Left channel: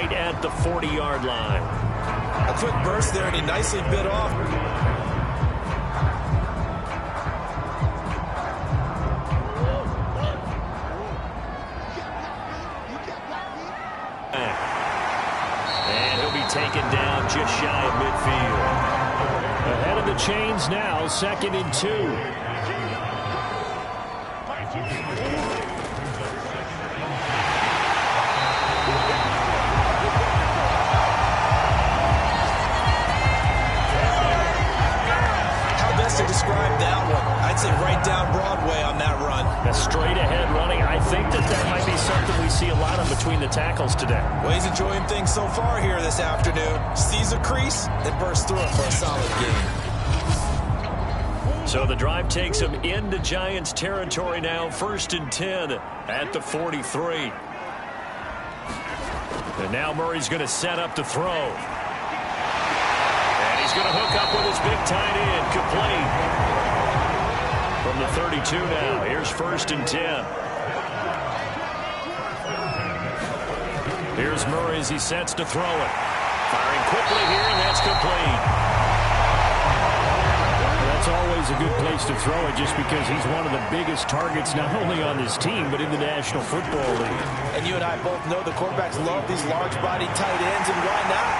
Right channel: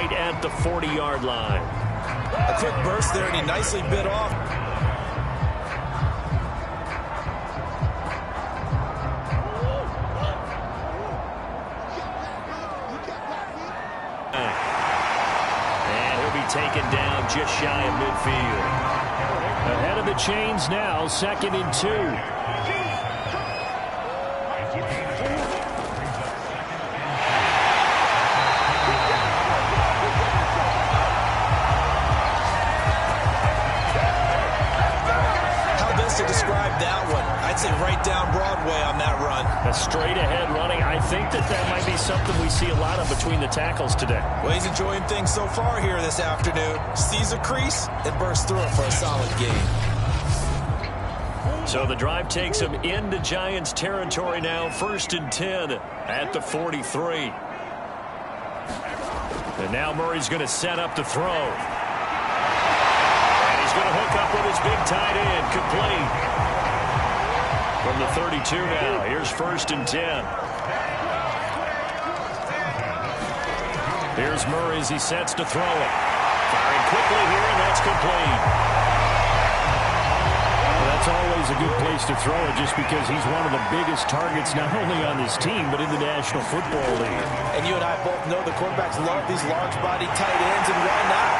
right at the 40-yard line. A quick burst there, and he nicely bit off. And he'll be taken down just shy of midfield. Ahead of the chains now, 2nd and 2. To describe that one, I'd say right down Broadway on that run. A straight ahead running. I think that might be something we see a lot of between the tackles today. Well, he's enjoying things so far here this afternoon. Sees a crease and bursts through it for a solid gain. So the drive takes him into Giants territory now. 1st and 10 at the 43. And now Murray's going to set up to throw. He's going to hook up with his big tight end, complete. From the 32 now, here's 1st and 10. Here's Murray as he sets to throw it. Firing quickly here, and that's complete. Well, that's always a good place to throw it just because he's one of the biggest targets not only on this team, but in the National Football League. And you and I both know the quarterbacks love these large-bodied tight ends, and why not?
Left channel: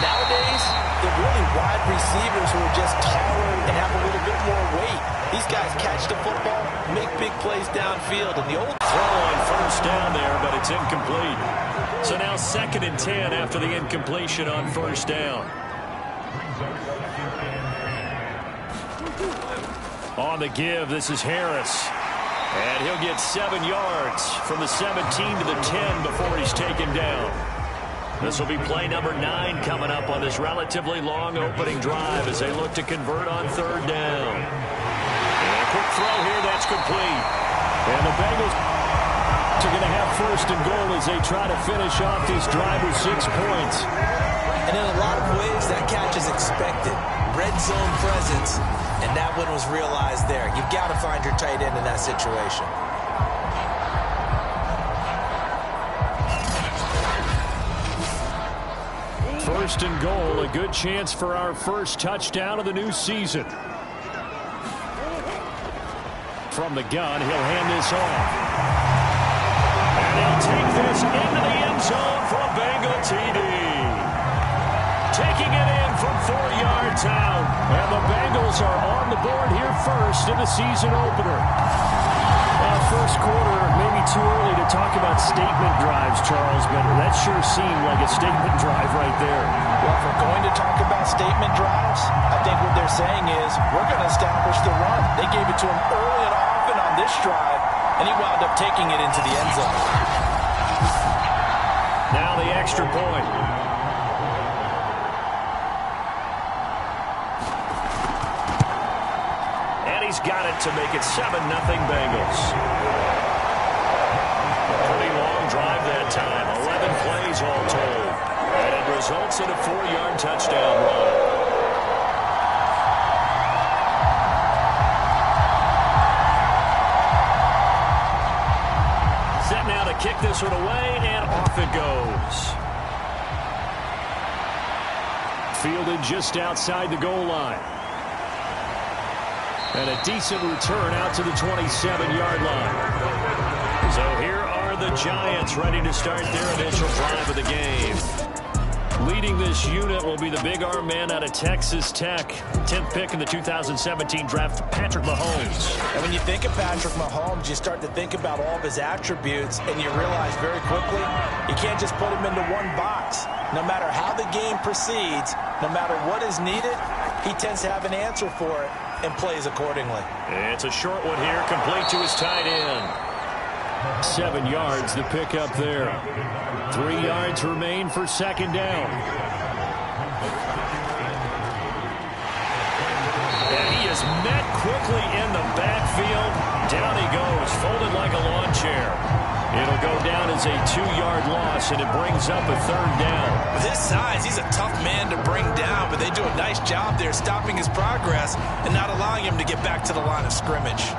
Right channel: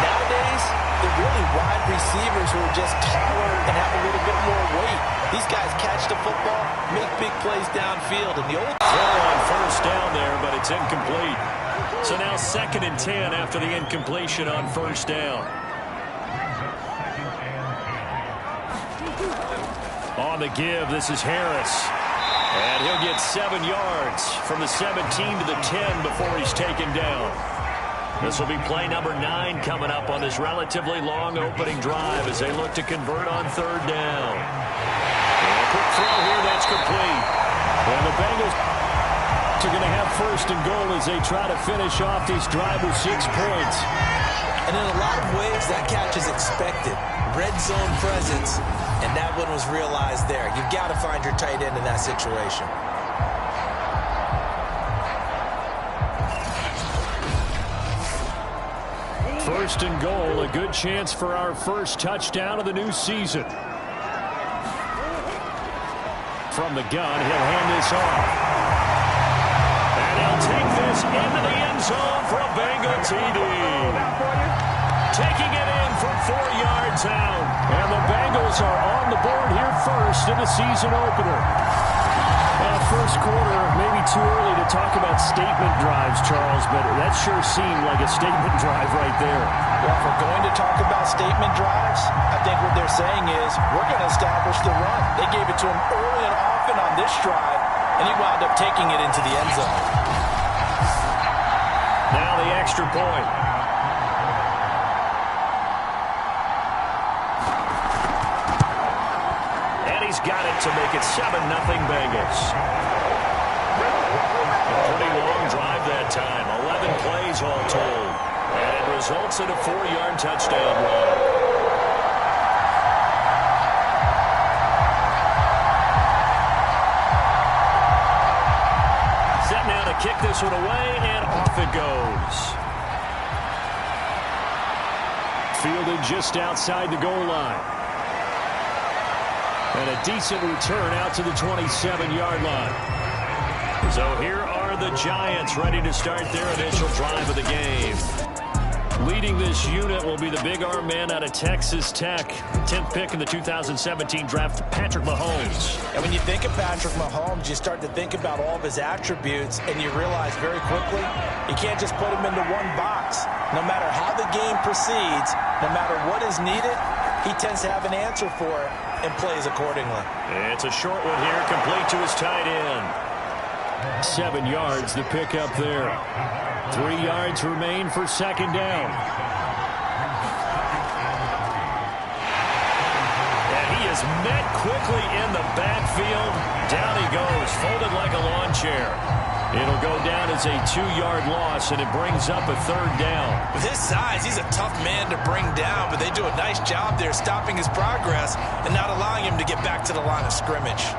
Nowadays, they're really wide receivers who are just taller and have a little bit more weight. These guys catch the football, make big plays downfield. And the old throw on 1st down there, but it's incomplete. So now 2nd and 10 after the incompletion on 1st down. On the give, this is Harris. And he'll get 7 yards from the 17 to the 10 before he's taken down. This will be play number 9 coming up on this relatively long opening drive as they look to convert on 3rd down. And a quick throw here, that's complete. And the Bengals are going to have 1st and goal as they try to finish off this drive with 6 points. And in a lot of ways, that catch is expected. Red zone presence, and that one was realized there. You've got to find your tight end in that situation. First and goal, a good chance for our first touchdown of the new season. From the gun, he'll hand this off. And he'll take this into the end zone for a Bengal TD. Taking it in from 4 yards out. And the Bengals are on the board here first in the season opener. First quarter, maybe too early to talk about statement drives, Charles, but that sure seemed like a statement drive right there. Well, if we're going to talk about statement drives, I think what they're saying is we're going to establish the run. They gave it to him early and often on this drive, and he wound up taking it into the end zone. Now the extra point. He's got it to make it 7-0 Bengals. A pretty long drive that time. 11 plays all told. And it results in a 4-yard touchdown run. Set now to kick this one away, and off it goes. Fielded just outside the goal line. And a decent return out to the 27-yard line. So here are the Giants ready to start their initial drive of the game. Leading this unit will be the big arm man out of Texas Tech. 10th pick in the 2017 draft, Patrick Mahomes. And when you think of Patrick Mahomes, you start to think about all of his attributes, and you realize very quickly you can't just put him into one box. No matter how the game proceeds, no matter what is needed, he tends to have an answer for it and plays accordingly. It's a short one here, complete to his tight end. 7 yards, the pickup there. 3 yards remain for 2nd down. And he is met quickly in the backfield. Down he goes, folded like a lawn chair. It'll go down as a 2-yard loss, and it brings up a 3rd down. With his size, he's a tough man to bring down, but they do a nice job there stopping his progress and not allowing him to get back to the line of scrimmage.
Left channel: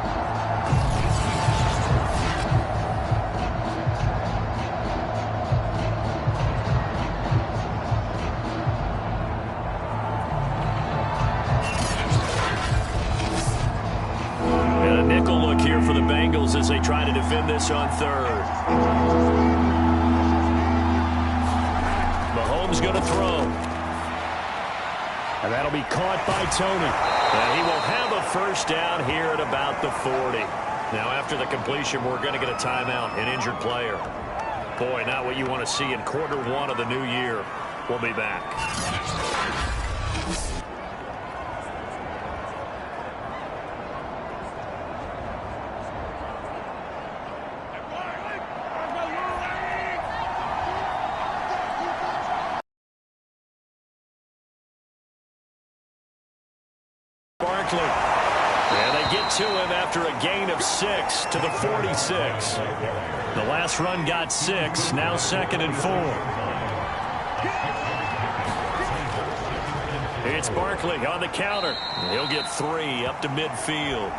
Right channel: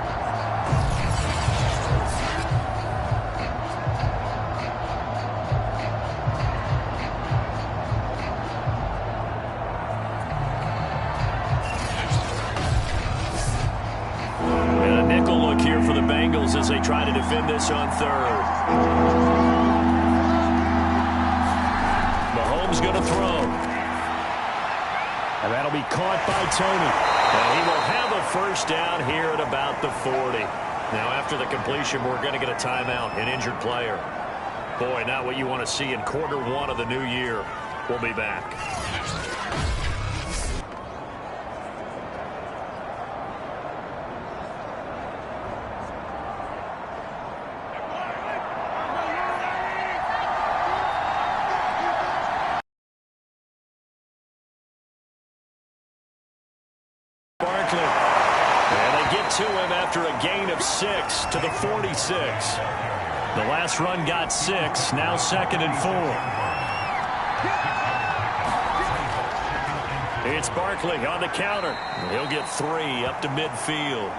Bengals as they try to defend this on third. Mahomes going to throw. And that'll be caught by Tony. And he will have a first down here at about the 40. Now, after the completion, we're going to get a timeout, an injured player. Boy, not what you want to see in quarter one of the new year. We'll be back. Barkley. And they get to him after a gain of 6 to the 46. The last run got 6, now 2nd and 4. It's Barkley on the counter. He'll get 3 up to midfield.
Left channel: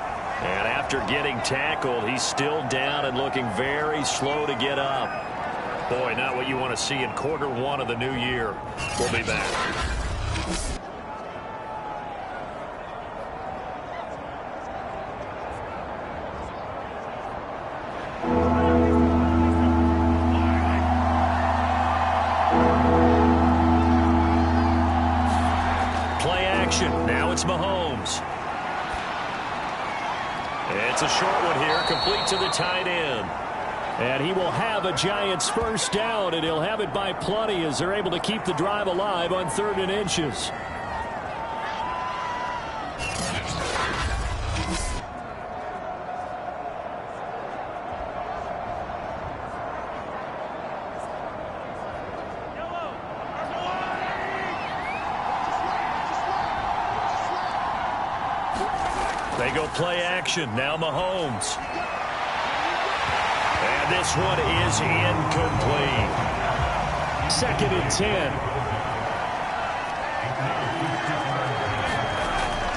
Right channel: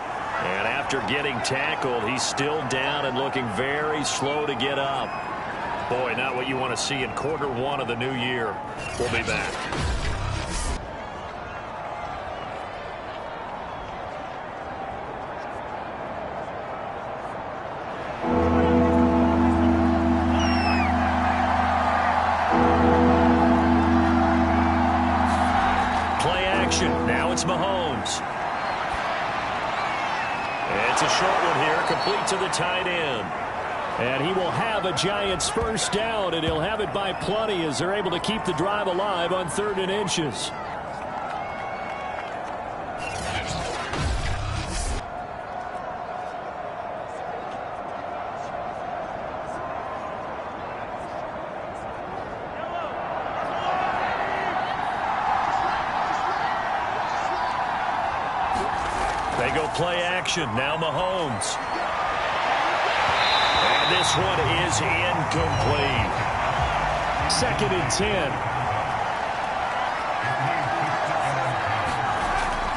And after getting tackled, he's still down and looking very slow to get up. Boy, not what you want to see in quarter one of the new year. We'll be back. Now it's Mahomes. It's a short one here, complete to the tight end. And he will have a Giants first down, and he'll have it by plenty as they're able to keep the drive alive on 3rd and inches. They go play action. Now Mahomes. And this one is incomplete. 2nd and 10.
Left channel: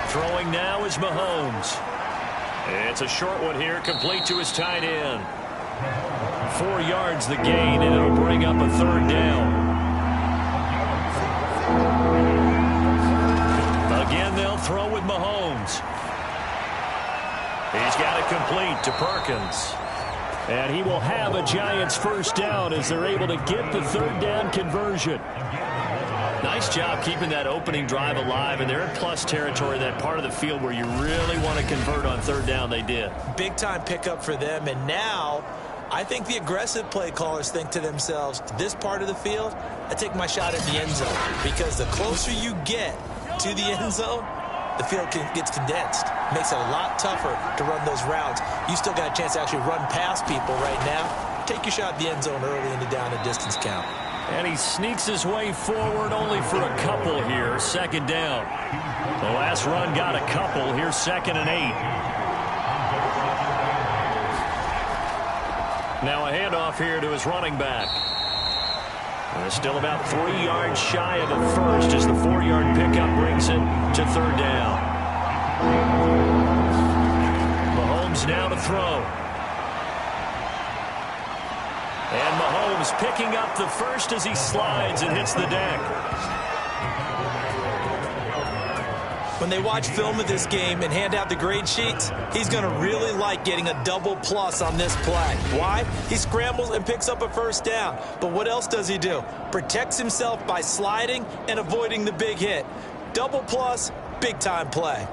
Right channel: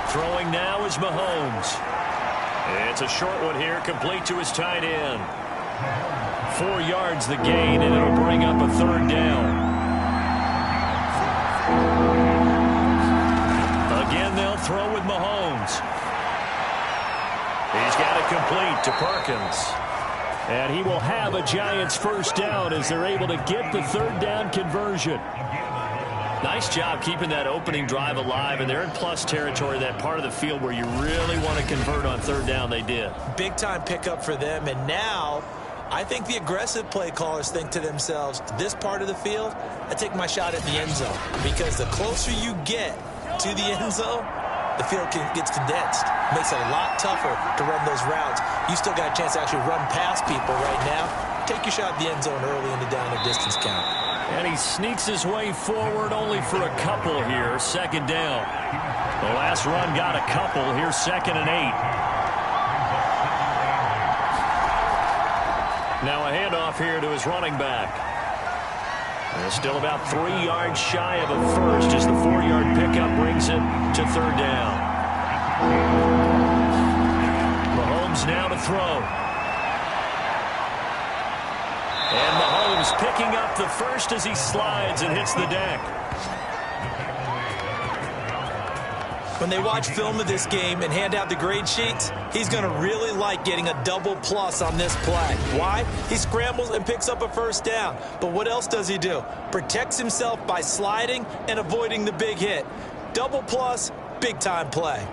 Throwing now is Mahomes. It's a short one here, complete to his tight end. 4 yards the gain, and it'll bring up a 3rd down. Again, they'll throw with Mahomes. He's got it complete to Perkins. And he will have a Giants first down as they're able to get the 3rd down conversion. Nice job keeping that opening drive alive, and they're in plus territory, that part of the field where you really want to convert on 3rd down. They did. Big-time pickup for them, and now I think the aggressive play callers think to themselves, this part of the field, I take my shot at the end zone, because the closer you get to the end zone, the field gets condensed. Makes it a lot tougher to run those routes. You still got a chance to actually run past people right now. Take your shot at the end zone early in the down and distance count. And he sneaks his way forward only for a couple here. 2nd down. The last run got a couple. Here's 2nd and 8. Now a handoff here to his running back. And still about 3 yards shy of a first as the 4-yard pickup brings it to 3rd down. Mahomes now to throw. And Mahomes picking up the first as he slides and hits the deck. When they watch film of this game and hand out the grade sheets, he's going to really like getting a double plus on this play. Why? He scrambles and picks up a first down. But what else does he do? Protects himself by sliding and avoiding the big hit. Double plus, big-time play.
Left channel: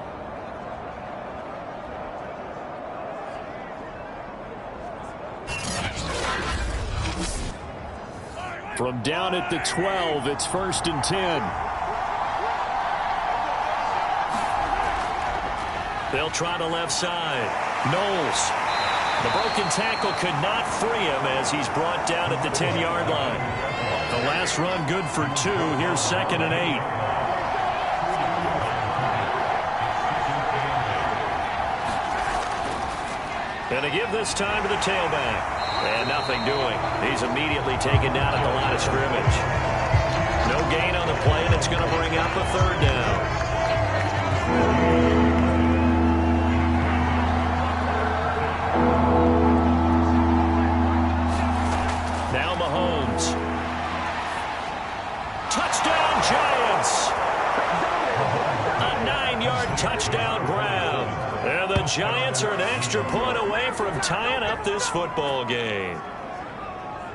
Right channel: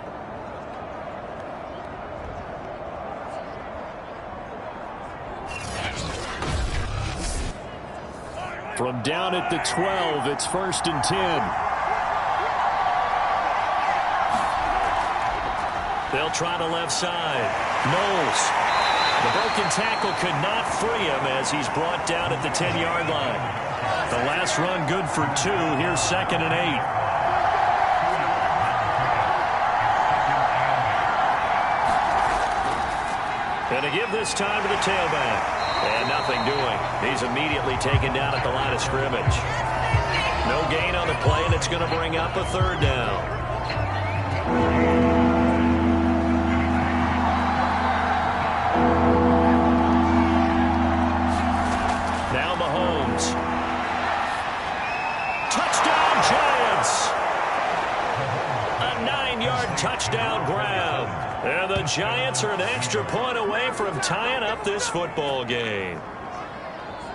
From down at the 12, it's 1st and 10. They'll try to left side. Knowles. The broken tackle could not free him as he's brought down at the 10-yard line. The last run good for 2. Here's 2nd and 8. And to give this time to the tailback. And nothing doing. He's immediately taken down at the line of scrimmage. No gain on the play, and it's going to bring up a 3rd down. Now Mahomes. Touchdown, Giants! A 9-yard touchdown grab. And the Giants are an extra point away from tying up this football game.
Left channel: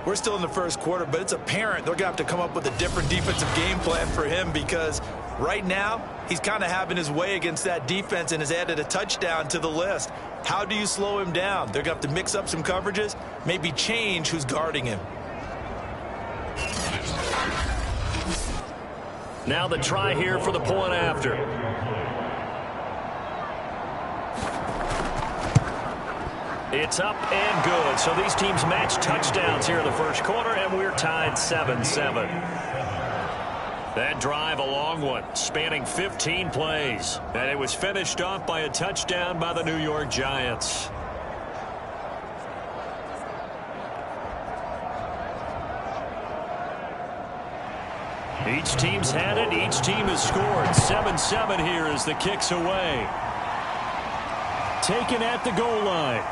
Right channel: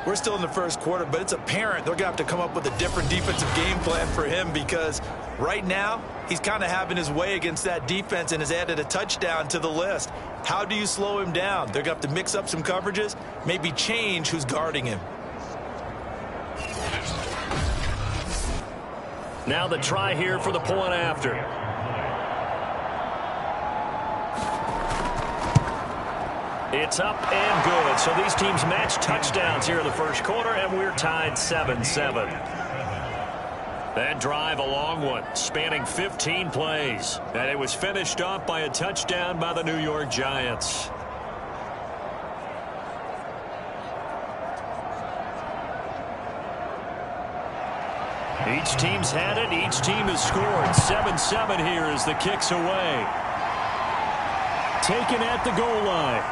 We're still in the first quarter, but it's apparent they're going to have to come up with a different defensive game plan for him, because right now he's kind of having his way against that defense and has added a touchdown to the list. How do you slow him down? They're going to have to mix up some coverages, maybe change who's guarding him. Now the try here for the point after. It's up and good. So these teams match touchdowns here in the first quarter, and we're tied 7-7. That drive, a long one, spanning 15 plays. And it was finished off by a touchdown by the New York Giants. Each team's had it. Each team has scored. 7-7 here as the kick's away. Taken at the goal line.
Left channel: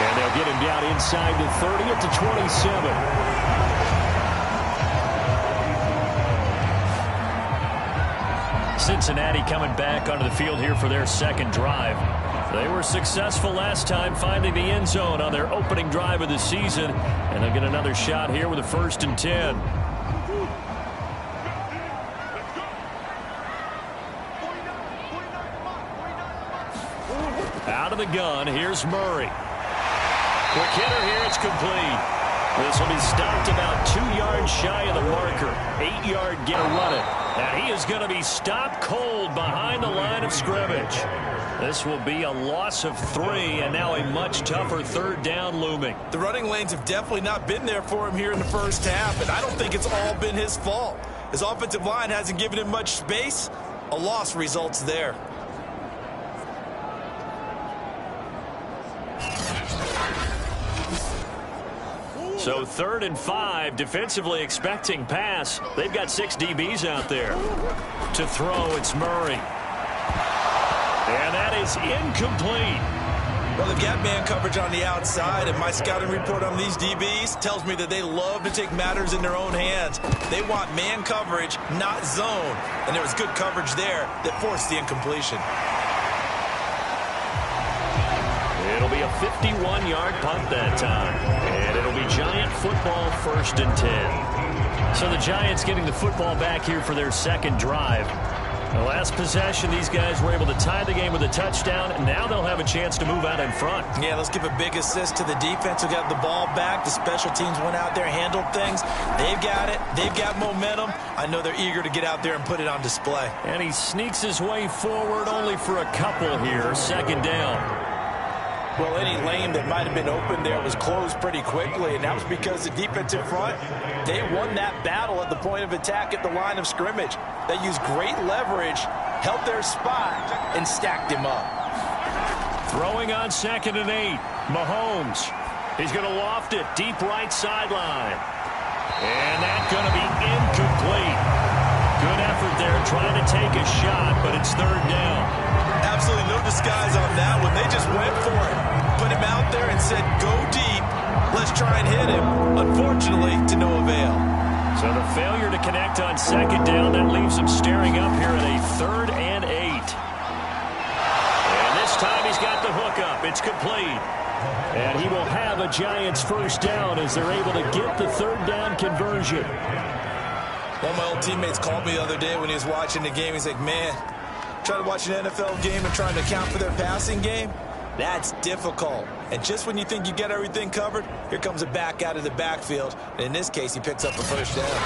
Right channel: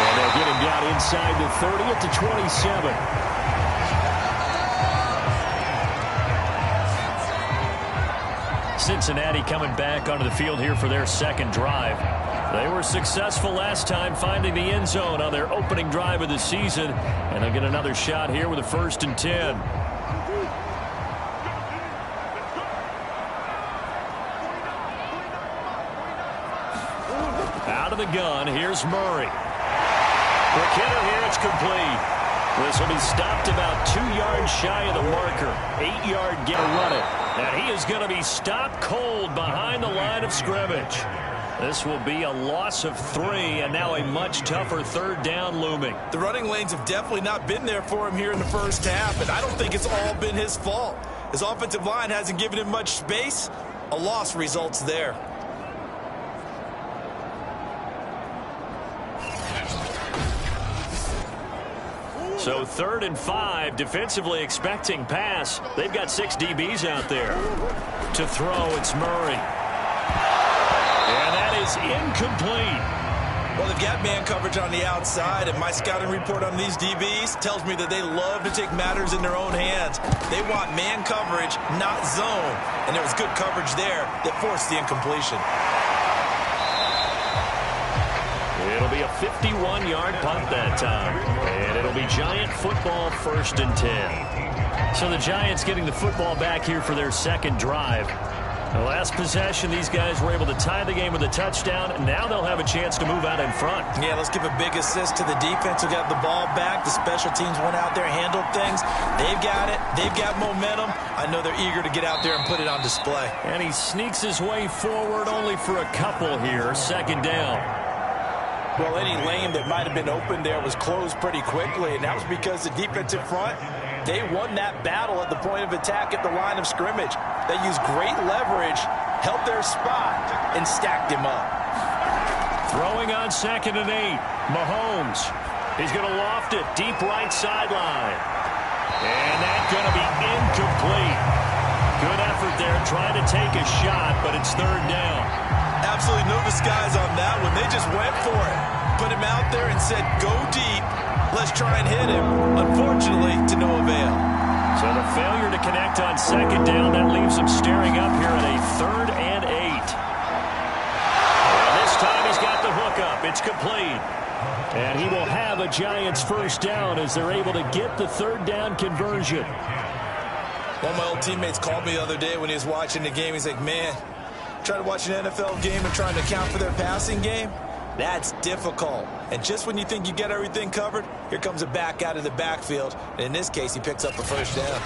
And they'll get him down inside the 30 at the 27. Cincinnati coming back onto the field here for their second drive. They were successful last time finding the end zone on their opening drive of the season. And they'll get another shot here with a 1st and 10. Out of the gun, here's Murray. Quick hitter here, it's complete. This will be stopped about 2 yards shy of the marker. 8-yard get to run it. And he is going to be stopped cold behind the line of scrimmage. This will be a loss of 3, and now a much tougher 3rd down looming. The running lanes have definitely not been there for him here in the first half, and I don't think it's all been his fault. His offensive line hasn't given him much space. A loss results there. So 3rd and 5, defensively expecting pass. They've got 6 DBs out there. To throw, it's Murray. And that is incomplete. Well, they've got man coverage on the outside, and my scouting report on these DBs tells me that they love to take matters in their own hands. They want man coverage, not zone. And there was good coverage there that forced the incompletion. It'll be a 51-yard punt that time. And it'll be Giant football, 1st and 10. So the Giants getting the football back here for their second drive. The last possession, these guys were able to tie the game with a touchdown, and now they'll have a chance to move out in front. Yeah, let's give a big assist to the defense who got the ball back. The special teams went out there, handled things. They've got it. They've got momentum. I know they're eager to get out there and put it on display. And he sneaks his way forward only for a couple here. 2nd down. Well, any lane that might have been open there was closed pretty quickly, and that was because the defensive front, they won that battle at the point of attack at the line of scrimmage. They used great leverage, held their spot, and stacked him up. Throwing on 2nd and 8. Mahomes. He's going to loft it deep right sideline. And that's going to be incomplete. Good effort there trying to take a shot, but it's 3rd down. Absolutely no disguise on that one. They just went for it. Put him out there and said, go deep. Let's try and hit him. Unfortunately, to no avail. So the failure to connect on 2nd down, that leaves him staring up here at a 3rd and 8. And this time he's got the hook up. It's complete. And he will have a Giants 1st down as they're able to get the 3rd down conversion. One of my old teammates called me the other day when he was watching the game. He's like, man, trying to watch an NFL game and trying to account for their passing game, that's difficult. And just when you think you get everything covered, here comes a back out of the backfield. And in this case, he picks up a 1st down.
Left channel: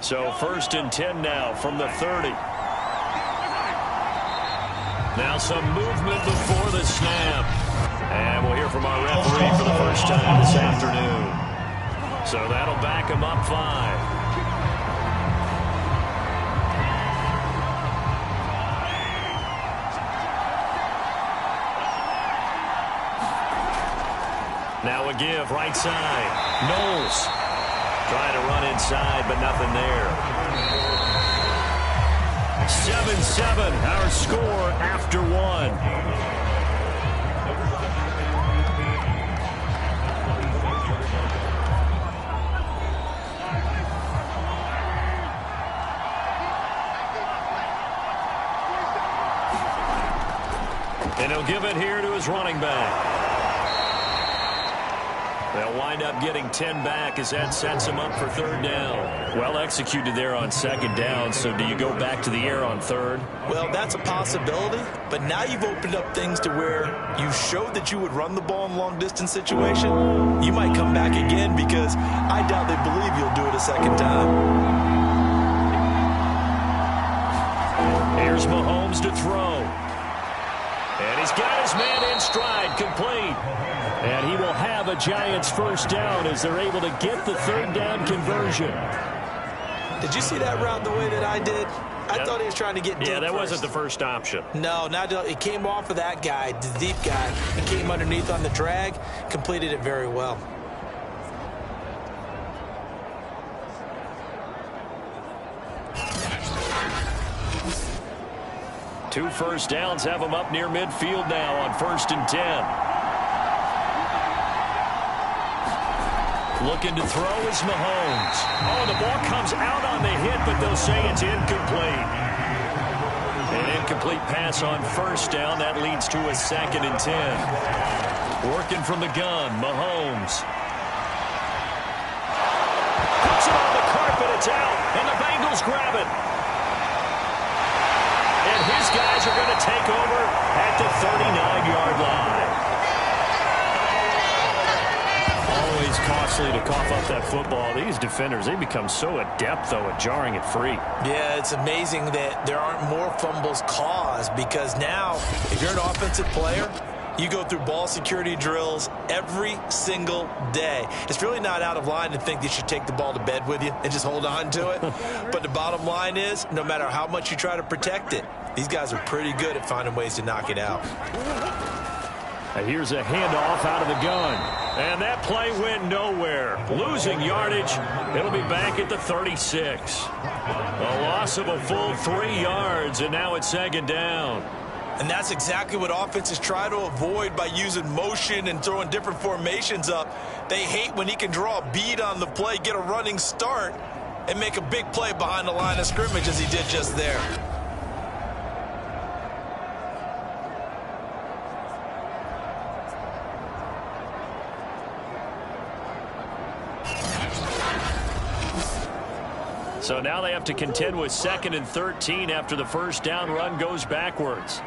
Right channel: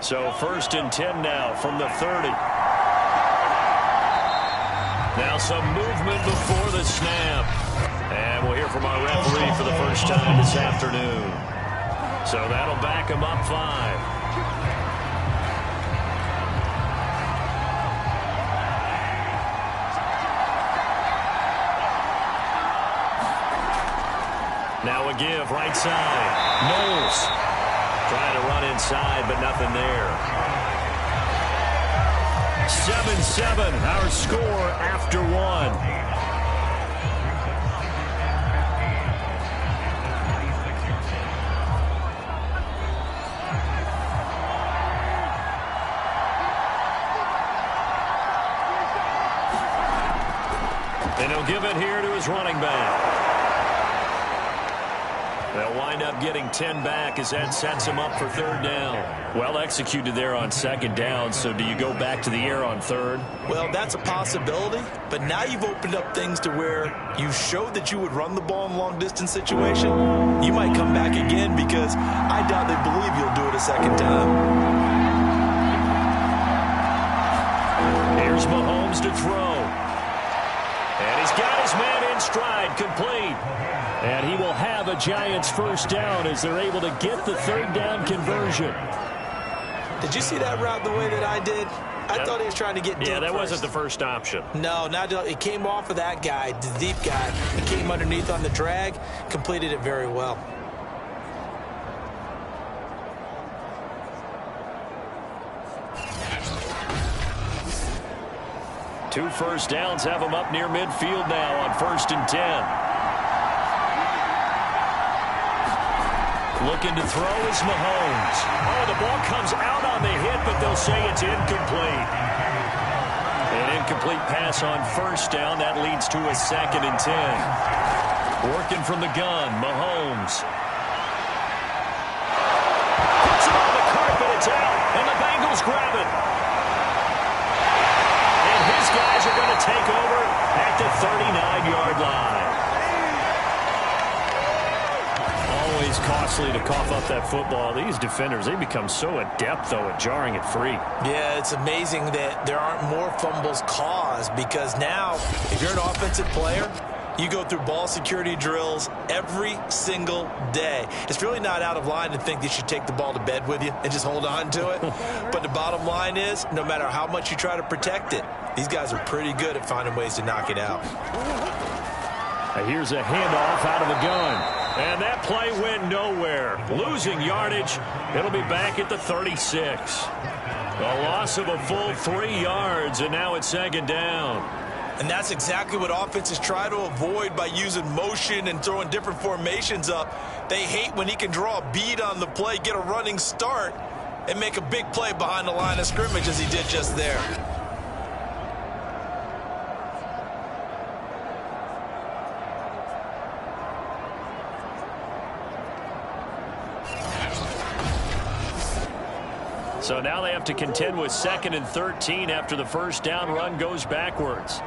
So 1st and 10 now from the 30. Now some movement before the snap. And we'll hear from our referee for the first time this afternoon. So that'll back him up 5. Now a give right side. Knowles trying to run inside, but nothing there. 7-7, our score after 1. And he'll give it here to his running back. They'll wind up getting 10 back as that sets him up for third down. Well executed there on second down, so do you go back to the air on third? Well, that's a possibility, but now you've opened up things to where you showed that you would run the ball in long-distance situation. You might come back again because I doubt they believe you'll do it a second time. Here's Mahomes to throw. And he's got his man in stride, complete. And he will have a Giants first down as they're able to get the third down conversion. Did you see that route the way that I did? I thought he was trying to get deep. Yeah, that first. wasn't the first option. No, not it came off of that guy, the deep guy. He came underneath on the drag, completed it very well. Two first downs have him up near midfield now on 1st and 10. Looking to throw is Mahomes. Oh, the ball comes out on the hit, but they'll say it's incomplete. An incomplete pass on first down. That leads to a 2nd and 10. Working from the gun, Mahomes. Puts it on the carpet. It's out, and the Bengals grab it. And his guys are going to take over at the 39-yard line. Always costly to cough up that football. These defenders, they become so adept, though, at jarring it free. Yeah, it's amazing that there aren't more fumbles caused because now, if you're an offensive player, you go through ball security drills every single day. It's really not out of line to think that you should take the ball to bed with you and just hold on to it. But the bottom line is, no matter how much you try to protect it, these guys are pretty good at finding ways to knock it out. Here's a handoff out of the gun. And that play went nowhere. Losing yardage. It'll be back at the 36. A loss of a full 3 yards, and now it's 2nd down. And that's exactly what offenses try to avoid by using motion and throwing different formations up. They hate when he can draw a bead on the play, get a running start, and make a big play behind the line of scrimmage as he did just there. So now they have to contend with 2nd and 13 after the first down run goes backwards.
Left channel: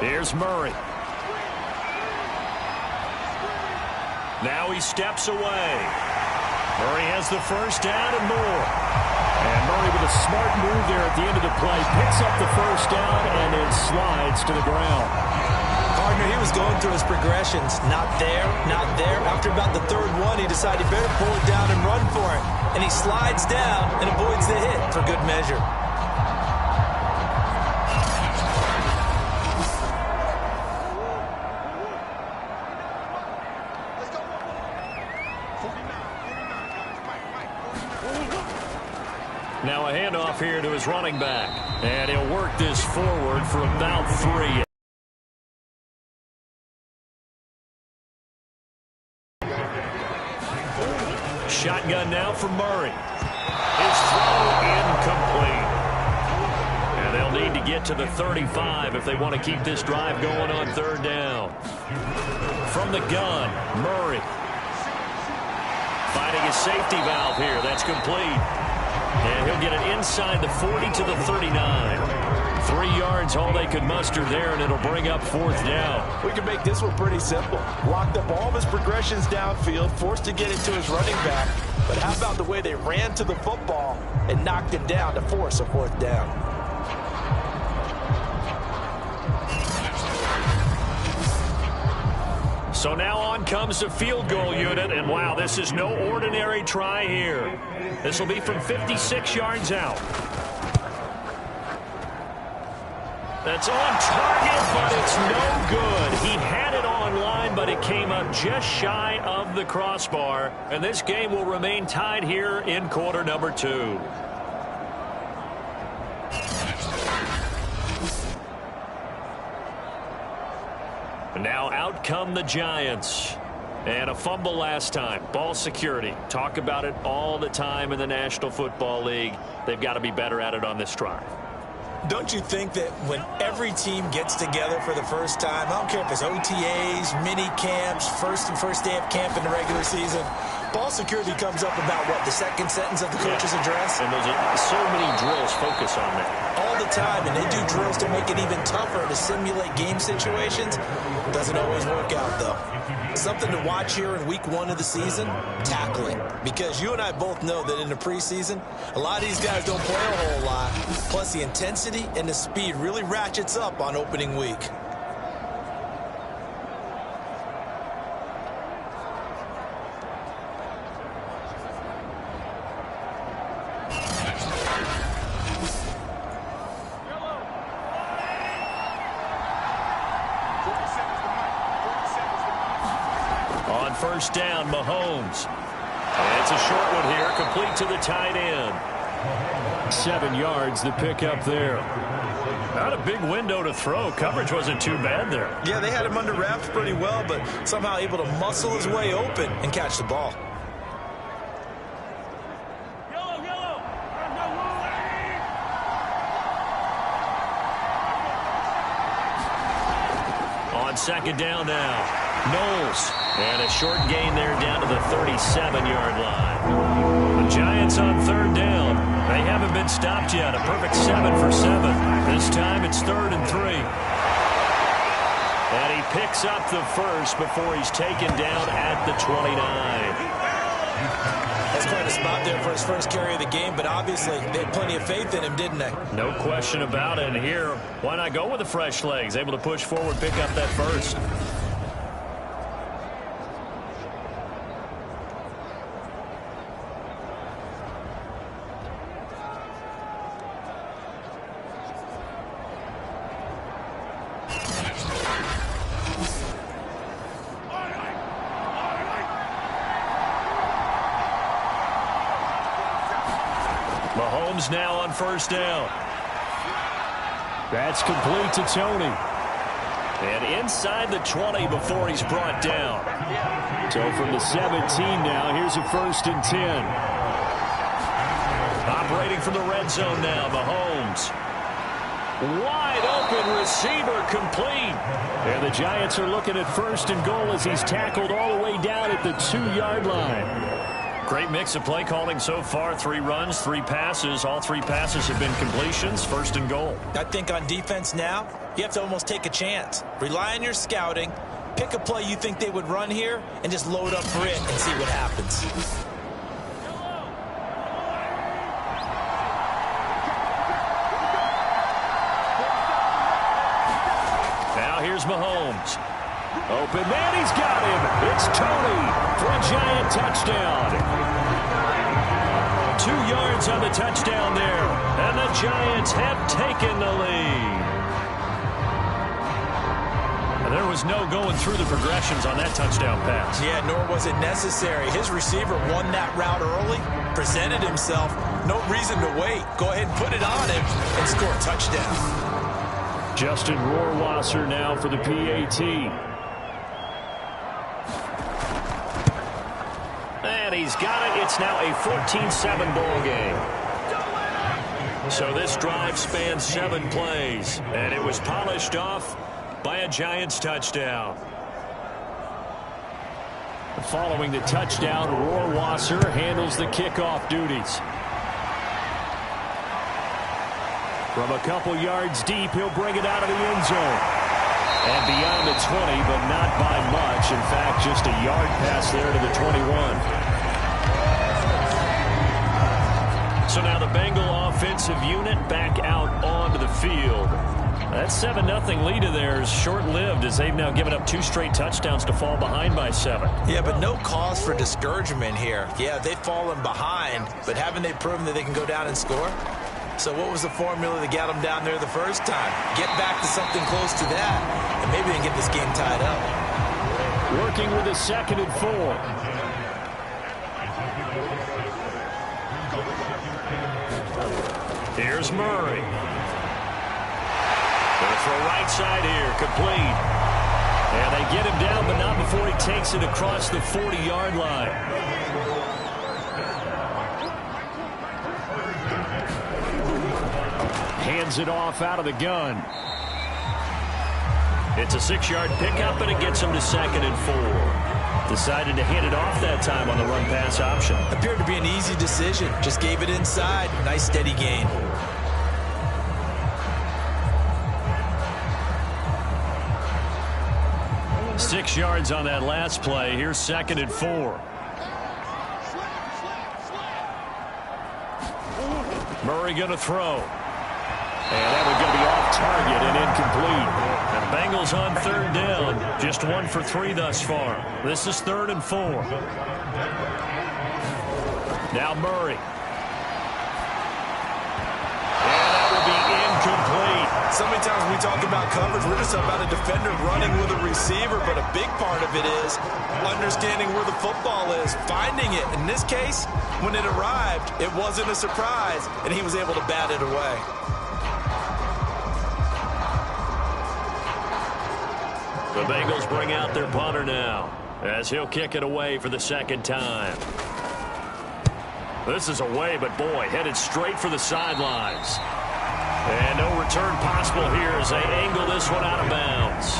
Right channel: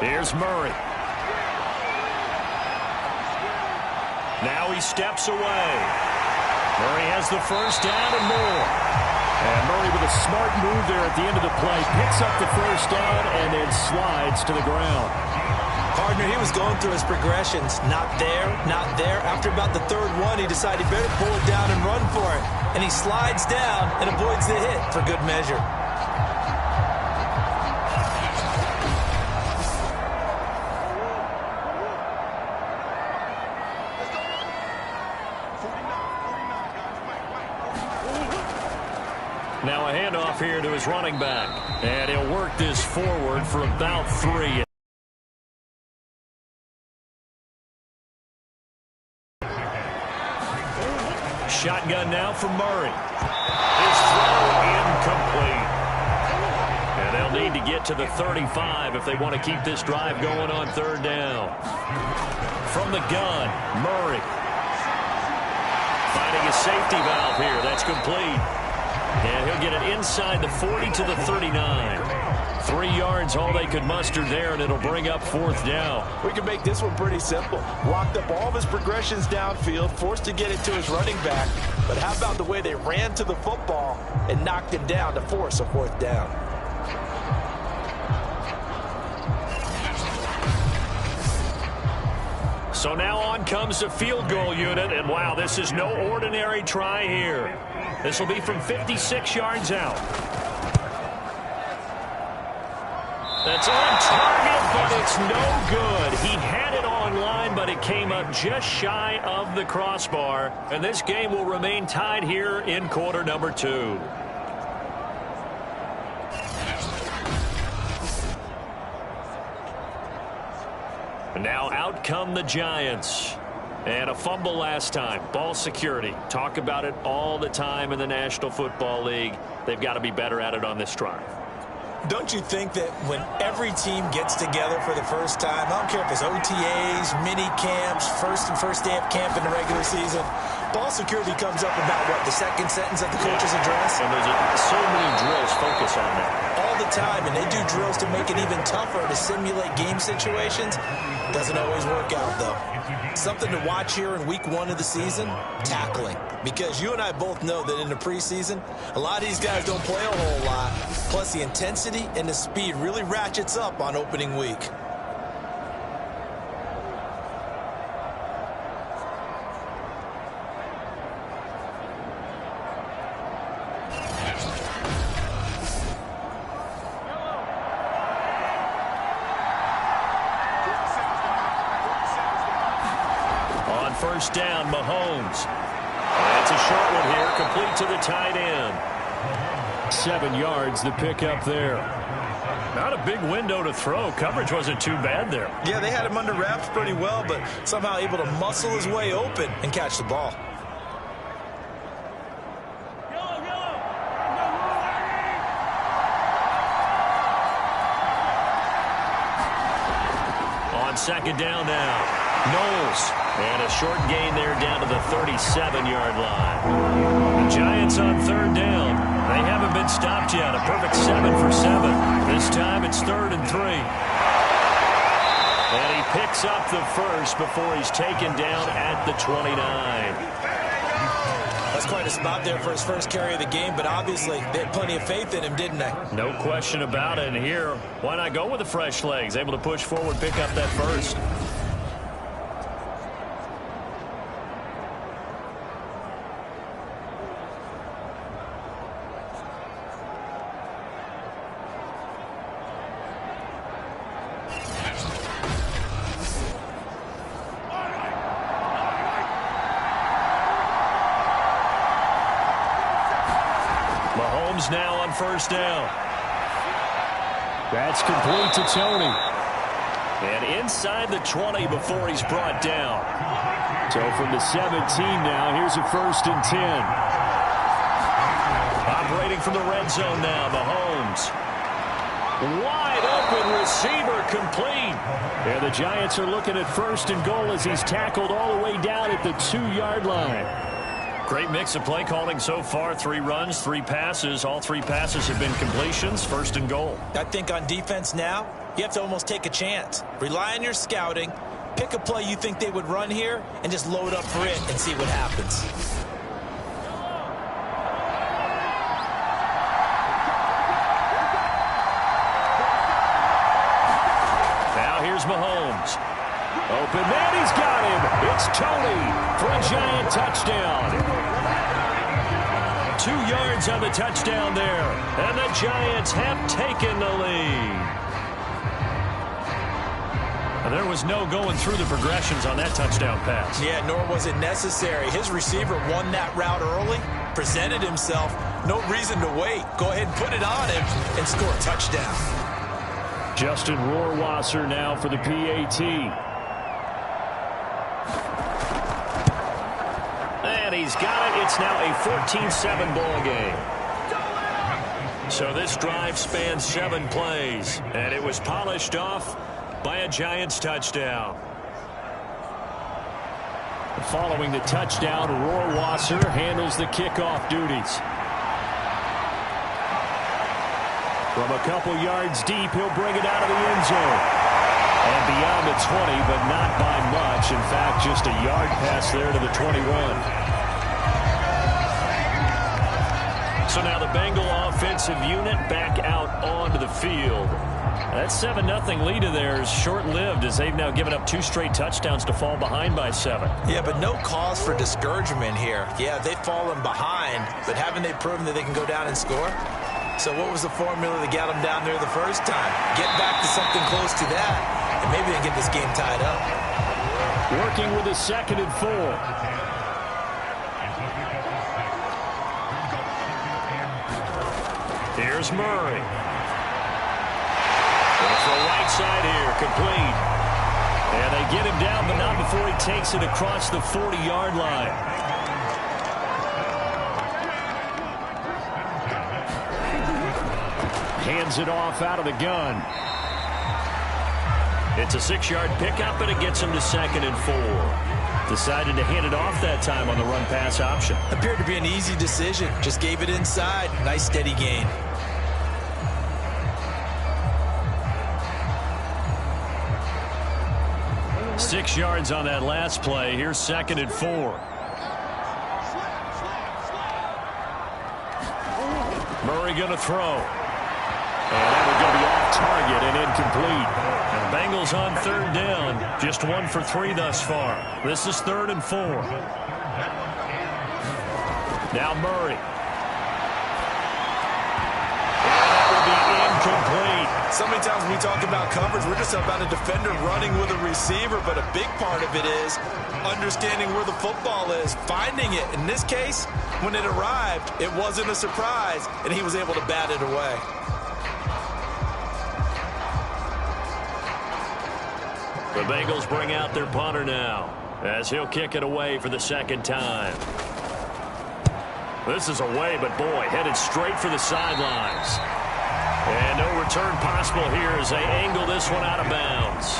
Here's Murray. Now he steps away. Murray has the first down and more. And Murray with a smart move there at the end of the play. Picks up the first down and then slides to the ground. Partner, he was going through his progressions. Not there, not there. After about the 3rd one, he decided he better pull it down and run for it. And he slides down and avoids the hit for good measure. Now a handoff here to his running back. And he'll work this forward for about 3. Shotgun now for Murray. His throw incomplete. And they'll need to get to the 35 if they want to keep this drive going on 3rd down. From the gun, Murray. Finding his safety valve here. That's complete. And he'll get it inside the 40 to the 39. 3 yards all they could muster there, and it'll bring up 4th down. We can make this one pretty simple. Locked up all of his progressions downfield, forced to get it to his running back. But how about the way they ran to the football and knocked it down to force a 4th down? So now on comes the field goal unit, and wow, this is no ordinary try here. This will be from 56 yards out. That's on target, but it's no good. He had it on line, but it came up just shy of the crossbar. And this game will remain tied here in quarter number 2. And now out come the Giants. And a fumble last time. Ball security. Talk about it all the time in the National Football League. They've got to be better at it on this drive. Don't you think that when every team gets together for the first time, I don't care if it's OTAs, mini camps, first day of camp in the regular season, ball security comes up about, what, the second sentence of the coach's address? And there's so many drills focus on that. All the time, and they do drills to make it even tougher to simulate game situations. Doesn't always work out, though. Something to watch here in week 1 of the season, tackling. Because you and I both know that in the preseason, a lot of these guys don't play a whole lot. Plus, the intensity and the speed really ratchets up on opening week. On first down, Mahomes. And it's a short one here, complete to the tight end. 7 yards, the pickup there. Not a big window to throw. Coverage wasn't too bad there. Yeah, they had him under wraps pretty well, but somehow able to muscle his way open and catch the ball. On second down now, Knowles. And a short gain there down to the 37-yard line. The Giants on third down. They haven't been stopped yet. A perfect 7 for 7. This time it's 3rd and 3. And he picks up the first before he's taken down at the 29. That's quite a spot there for his first carry of the game, but obviously they had plenty of faith in him, didn't they? No question about it. And here, why not go with the fresh legs? Able to push forward, pick up that first. Mahomes now on first down. That's complete to Tony. And inside the 20 before he's brought down. So from the 17 now, here's a 1st and 10. Operating from the red zone now, Mahomes. Wide open receiver, complete. And the Giants are looking at 1st and goal as he's tackled all the way down at the 2-yard line. Great mix of play calling so far. 3 runs, 3 passes. All 3 passes have been completions. 1st and goal. I think on defense now, you have to almost take a chance. Rely on your scouting. Pick a play you think they would run here and just load up for it and see what happens. Now here's Mahomes. Open man, he's got him. It's Tony for a Giant touchdown. 2 yards on the touchdown there. And the Giants have taken the lead. And there was no going through the progressions on that touchdown pass. Yeah, nor was it necessary. His receiver won that route early, presented himself. No reason to wait. Go ahead and put it on him and score a touchdown. Justin Rohrwasser now for the PAT. And he's got it. It's now a 14-7 ball game. So this drive spans 7 plays, and it was polished off by a Giants touchdown. Following the touchdown, Rohrwasser handles the kickoff duties. From a couple yards deep, he'll bring it out of the end zone. And beyond the 20, but not by much. In fact, just a yard pass there to the 21. So now the Bengal offensive unit back out onto the field. That 7-0 lead of theirs short-lived as they've now given up 2 straight touchdowns to fall behind by 7. Yeah, but no cause for discouragement here. Yeah, they've fallen behind, but haven't they proven that they can go down and score? So what was the formula that got them down there the first time? Get back to something close to that, and maybe they can get this game tied up. Working with a 2nd and 4. Here's Murray. Going for a right side here, complete. And they get him down, but not before he takes it across the 40-yard line. hands it off out of the gun. It's a 6-yard pickup, and it gets him to 2nd and 4. Decided to hand it off that time on the run-pass option. Appeared to be an easy decision. Just gave it inside. Nice steady gain. Six yards on that last play. Here's 2nd and 4. Murray going to throw. And that one's going to be off target and incomplete. And the Bengals on 3rd down. Just 1 for 3 thus far. This is 3rd and 4. Now Murray. And that will be incomplete. So many times when we talk about coverage, we're just about a defender running with a receiver, but a big part of it is understanding where the football is, finding it. In this case, when it arrived, it wasn't a surprise, and he was able to bat it away. The Bengals bring out their punter now, as he'll kick it away for the 2nd time. This is away, but boy, headed straight for the sidelines. And no return possible here as they angle this one out of bounds.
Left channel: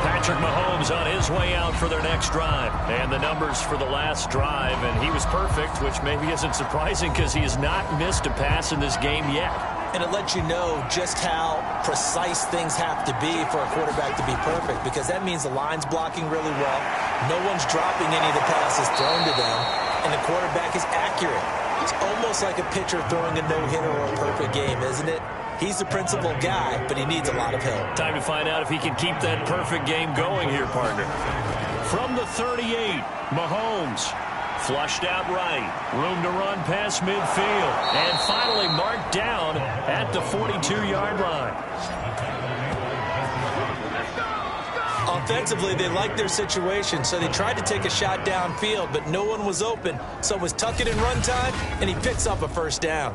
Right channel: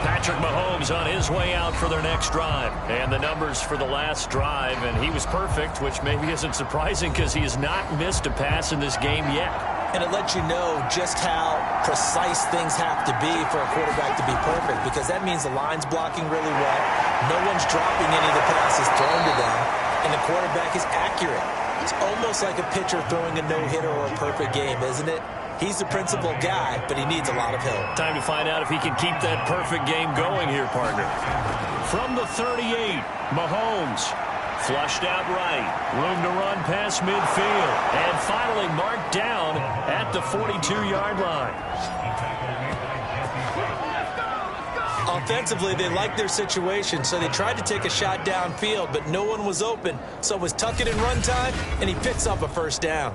Patrick Mahomes on his way out for their next drive. And the numbers for the last drive, and he was perfect, which maybe isn't surprising because he has not missed a pass in this game yet. And it lets you know just how precise things have to be for a quarterback to be perfect, because that means the line's blocking really well. No one's dropping any of the passes thrown to them, and the quarterback is accurate. It's almost like a pitcher throwing a no-hitter or a perfect game, isn't it? He's the principal guy, but he needs a lot of help. Time to find out if he can keep that perfect game going here, partner. From the 38, Mahomes. Flushed out right. Room to run past midfield. And finally marked down at the 42-yard line. Offensively, they liked their situation, so they tried to take a shot downfield, but no one was open. So it was tuck it and run time, and he picks up a 1st down.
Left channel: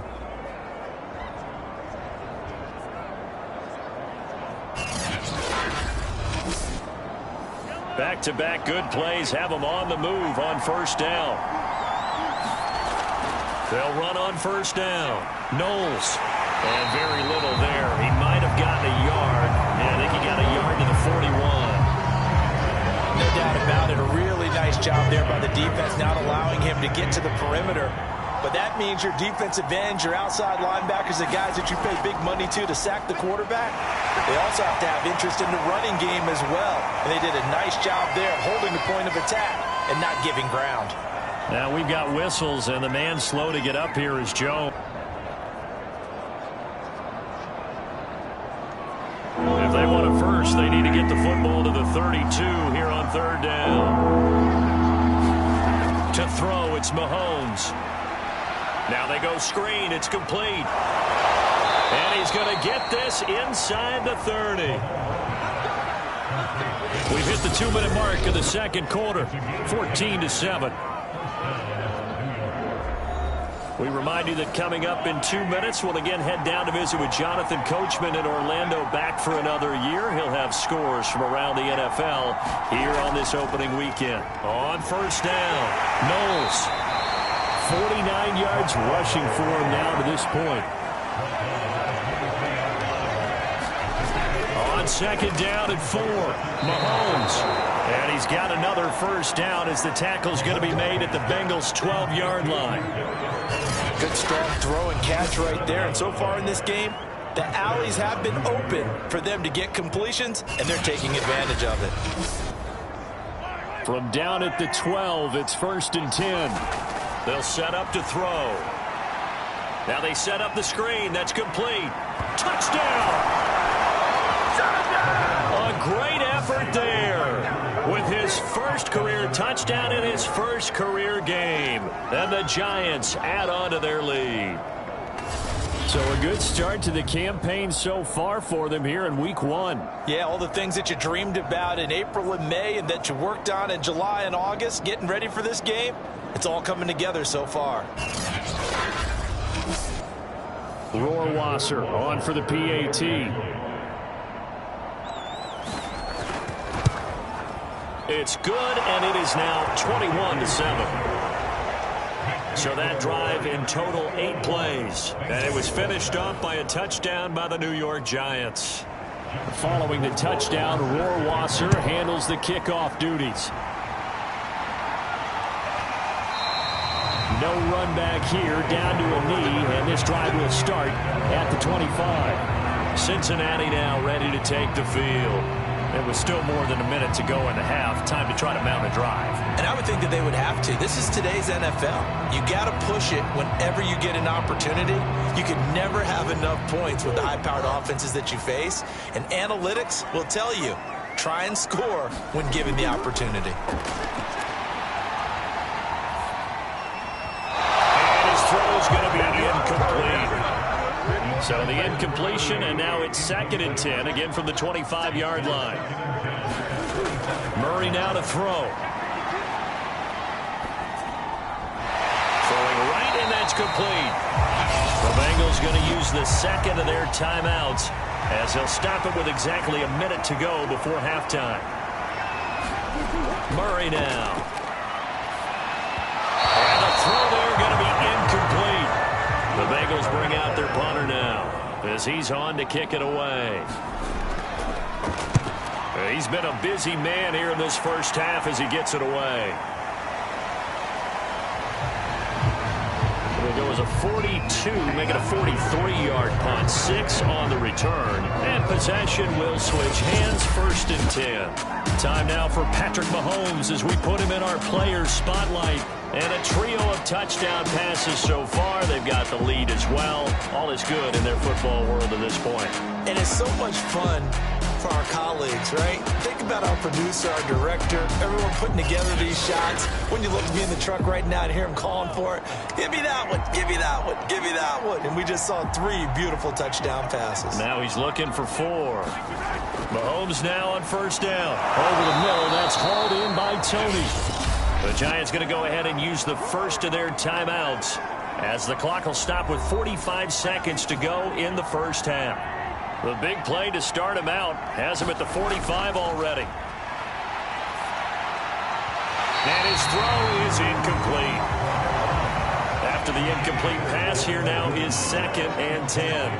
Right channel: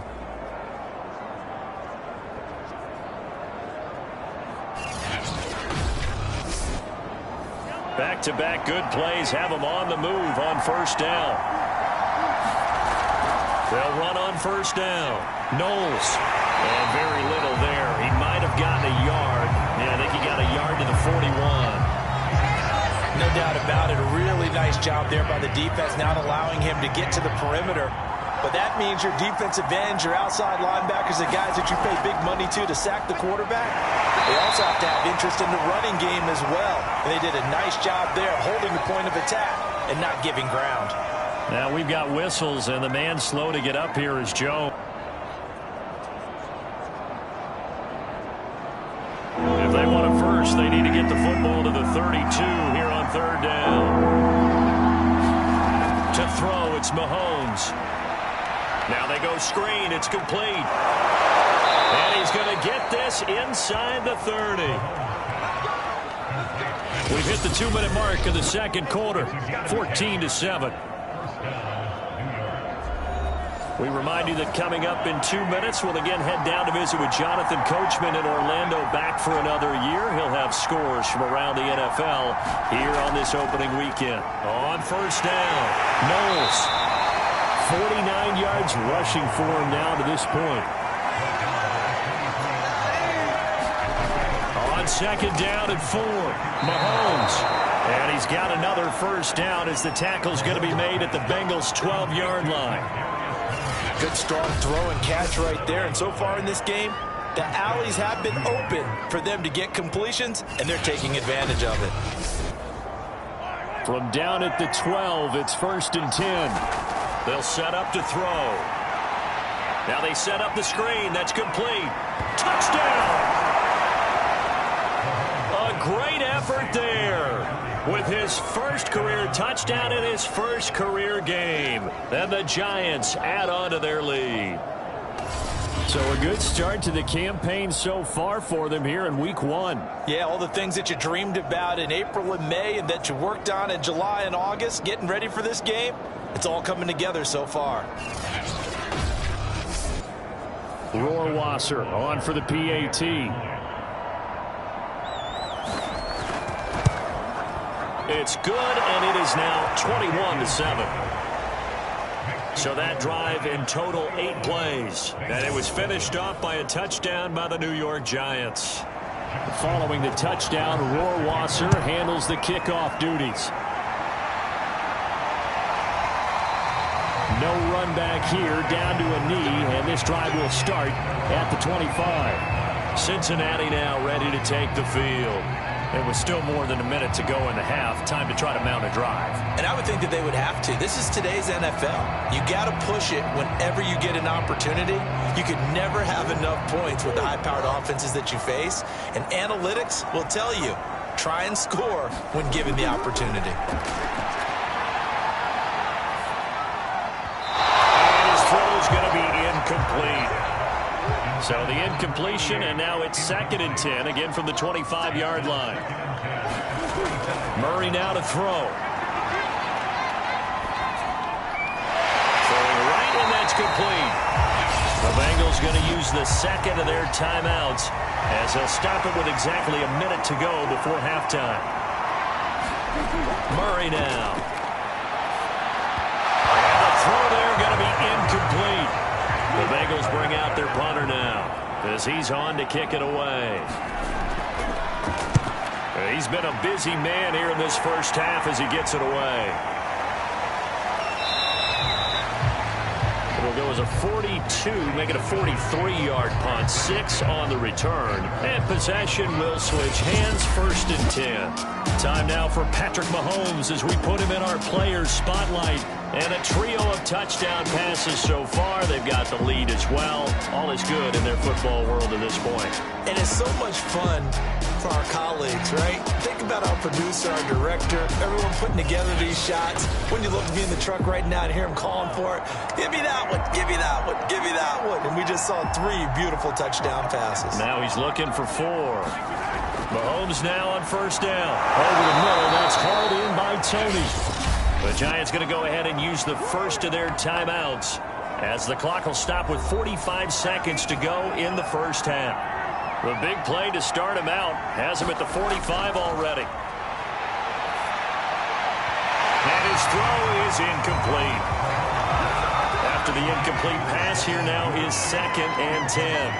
Back-to-back good plays have them on the move on 1st down. They'll run on 1st down. Knowles. And very little there. He might have gotten a yard. Yeah, I think he got a yard to the 41. No doubt about it. A really nice job there by the defense, not allowing him to get to the perimeter. But that means your defensive ends, your outside linebackers, the guys that you pay big money to sack the quarterback, they also have to have interest in the running game as well. And they did a nice job there of holding the point of attack and not giving ground. Now we've got whistles, and the man slow to get up here is Joe. If they want a first, they need to get the football to the 32 here on 3rd down. To throw, it's Mahomes. Now they go screen. It's complete. And he's going to get this inside the 30. We've hit the 2-minute mark of the 2nd quarter. 14-7. We remind you that coming up in 2 minutes, we'll again head down to visit with Jonathan Coachman in Orlando, back for another year. He'll have scores from around the NFL here on this opening weekend. On 1st down, Knowles. 49 yards rushing for him now to this point. On 2nd down and 4, Mahomes. And he's got another 1st down as the tackle's going to be made at the Bengals' 12-yard line. Good strong throw and catch right there. And so far in this game, the alleys have been open for them to get completions, and they're taking advantage of it. From down at the 12, it's 1st and 10. They'll set up to throw. Now they set up the screen. That's complete. Touchdown! A great effort there with his 1st career touchdown in his 1st career game. And the Giants add on to their lead. So a good start to the campaign so far for them here in week 1. Yeah, all the things that you dreamed about in April and May and that you worked on in July and August, getting ready for this game, it's all coming together so far. Rohrwasser on for the PAT. It's good, and it is now 21-7. So that drive in total 8 plays. And it was finished off by a touchdown by the New York Giants. Following the touchdown, Rohrwasser handles the kickoff duties. No run back here, down to a knee, and this drive will start at the 25. Cincinnati now ready to take the field. It was still more than a minute to go in the half. Time to try to mount a drive. And I would think that they would have to. This is today's NFL. You got to push it whenever you get an opportunity. You could never have enough points with the high-powered offenses that you face. And analytics will tell you, try and score when given the opportunity. And his throw is going to be incomplete. So the incompletion, and now it's 2nd and 10, again from the 25-yard line. Murray now to throw. Throwing right, and that's complete. The Bengals going to use the 2nd of their timeouts as they'll stop it with exactly a minute to go before halftime. Murray now. And the throw there going to be incomplete. The Bengals bring out their punter now as he's on to kick it away. He's been a busy man here in this first half as he gets it away. It'll go as a 42, make it a 43-yard punt, 6 on the return. And possession will switch hands, 1st and 10. Time now for Patrick Mahomes as we put him in our players' spotlight. And a trio of touchdown passes so far. They've got the lead as well. All is good in their football world at this point. And it's so much fun for our colleagues, right? Think about our producer, our director, everyone putting together these shots. When you look at me in the truck right now and hear him calling for it, give me that one, give me that one, give me that one. And we just saw 3 beautiful touchdown passes. Now he's looking for 4. Mahomes now on 1st down. Over the middle, that's hauled in by Tony. The Giants going to go ahead and use the 1st of their timeouts as the clock will stop with 45 seconds to go in the first half. The big play to start him out has him at the 45 already. And his throw is incomplete. After the incomplete pass, here now is 2nd and 10.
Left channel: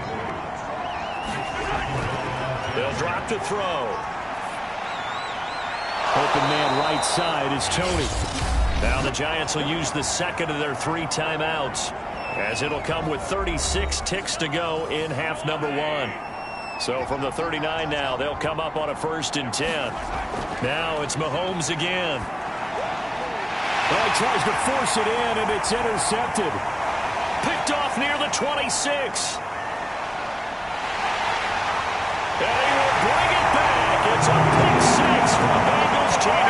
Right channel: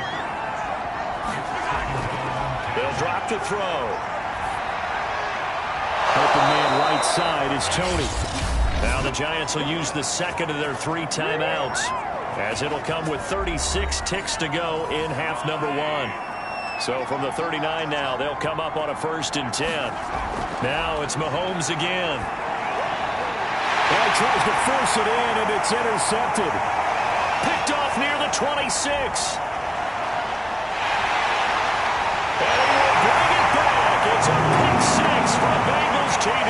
They'll drop to throw. Open man right side is Tony. Now the Giants will use the 2nd of their 3 timeouts as it'll come with 36 ticks to go in half number 1. So from the 39 now, they'll come up on a 1st and 10. Now it's Mahomes again. Well, he tries to force it in, and it's intercepted. Picked off near the 26. And he will bring it back. It's a pick 6 from Bengals TD.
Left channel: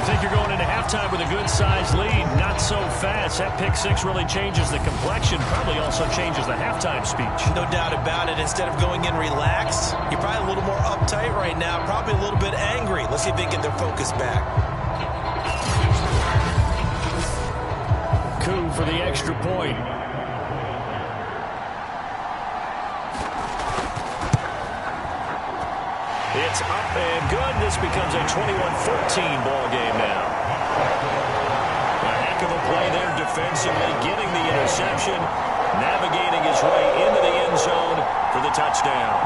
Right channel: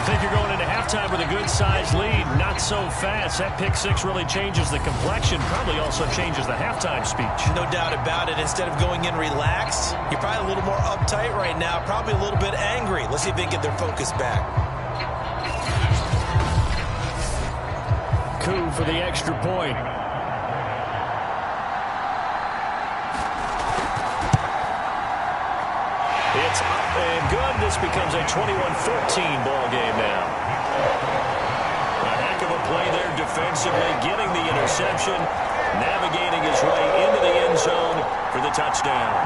I think you're going into halftime with a good-sized lead. Not so fast. That pick 6 really changes the complexion. Probably also changes the halftime speech. No doubt about it. Instead of going in relaxed, you're probably a little more uptight right now. Probably a little bit angry. Let's see if they get their focus back. Coup for the extra point. It's up and good. This becomes a 21-14 ball game now. A heck of a play there defensively, getting the interception, navigating his way into the end zone for the touchdown.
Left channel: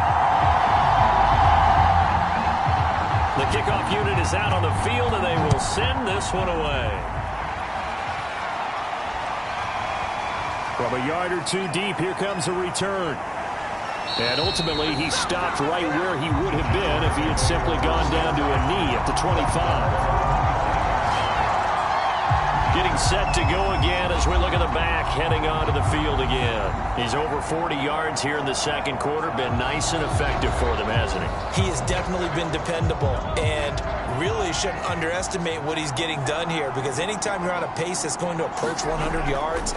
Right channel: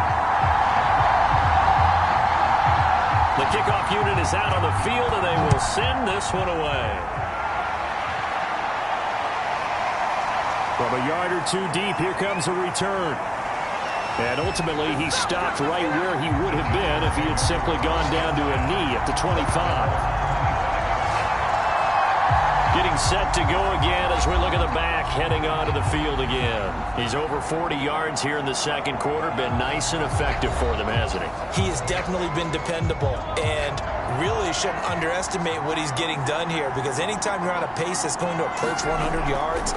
The kickoff unit is out on the field, and they will send this one away. From a yard or 2 deep, here comes a return. And ultimately, he stopped right where he would have been if he had simply gone down to a knee at the 25. Getting set to go again as we look at the back, heading onto the field again. He's over 40 yards here in the second quarter. Been nice and effective for them, hasn't he? He has definitely been dependable, and really shouldn't underestimate what he's getting done here, because anytime you're on a pace that's going to approach 100 yards,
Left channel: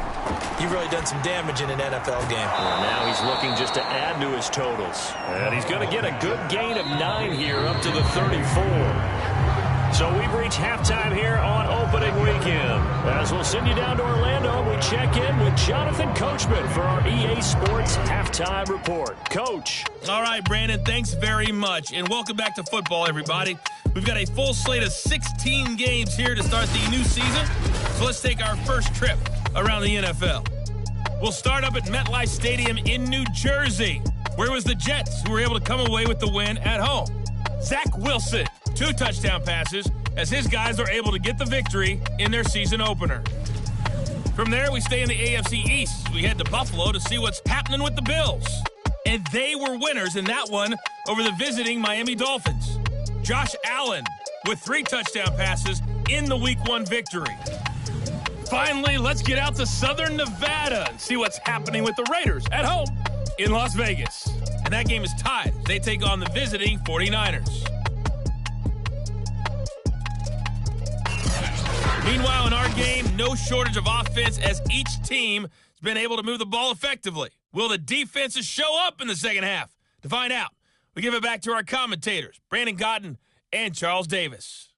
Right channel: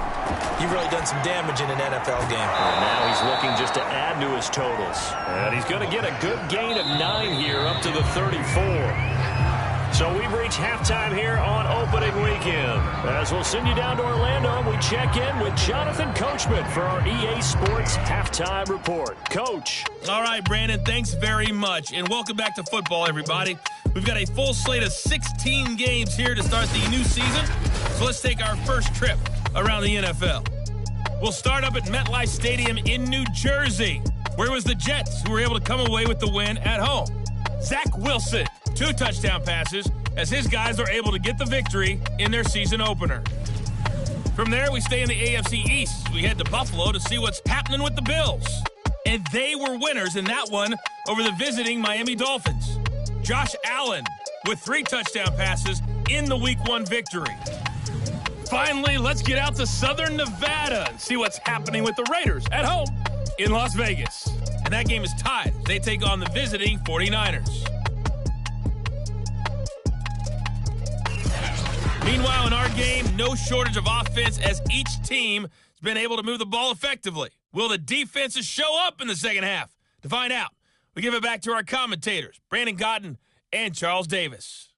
you've really done some damage in an NFL game. And now he's looking just to add to his totals. And he's going to get a good gain of 9 here up to the 34. So we've reached halftime here on opening weekend. As we'll send you down to Orlando, and we check in with Jonathan Coachman for our EA Sports Halftime Report. Coach. All right, Brandon, thanks very much. And welcome back to football, everybody. We've got a full slate of 16 games here to start the new season. So let's take our first trip around the NFL. We'll start up at MetLife Stadium in New Jersey, where it was the Jets who were able to come away with the win at home. Zach Wilson, 2 touchdown passes, as his guys are able to get the victory in their season opener. From there, we stay in the AFC East. We head to Buffalo to see what's happening with the Bills. And they were winners in that one over the visiting Miami Dolphins. Josh Allen with 3 touchdown passes in the Week 1 victory. Finally, let's get out to Southern Nevada and see what's happening with the Raiders at home in Las Vegas. And that game is tied. They take on the visiting 49ers. Meanwhile, in our game, no shortage of offense as each team has been able to move the ball effectively. Will the defenses show up in the second half? To find out, we give it back to our commentators, Brandon Cotton and Charles Davis.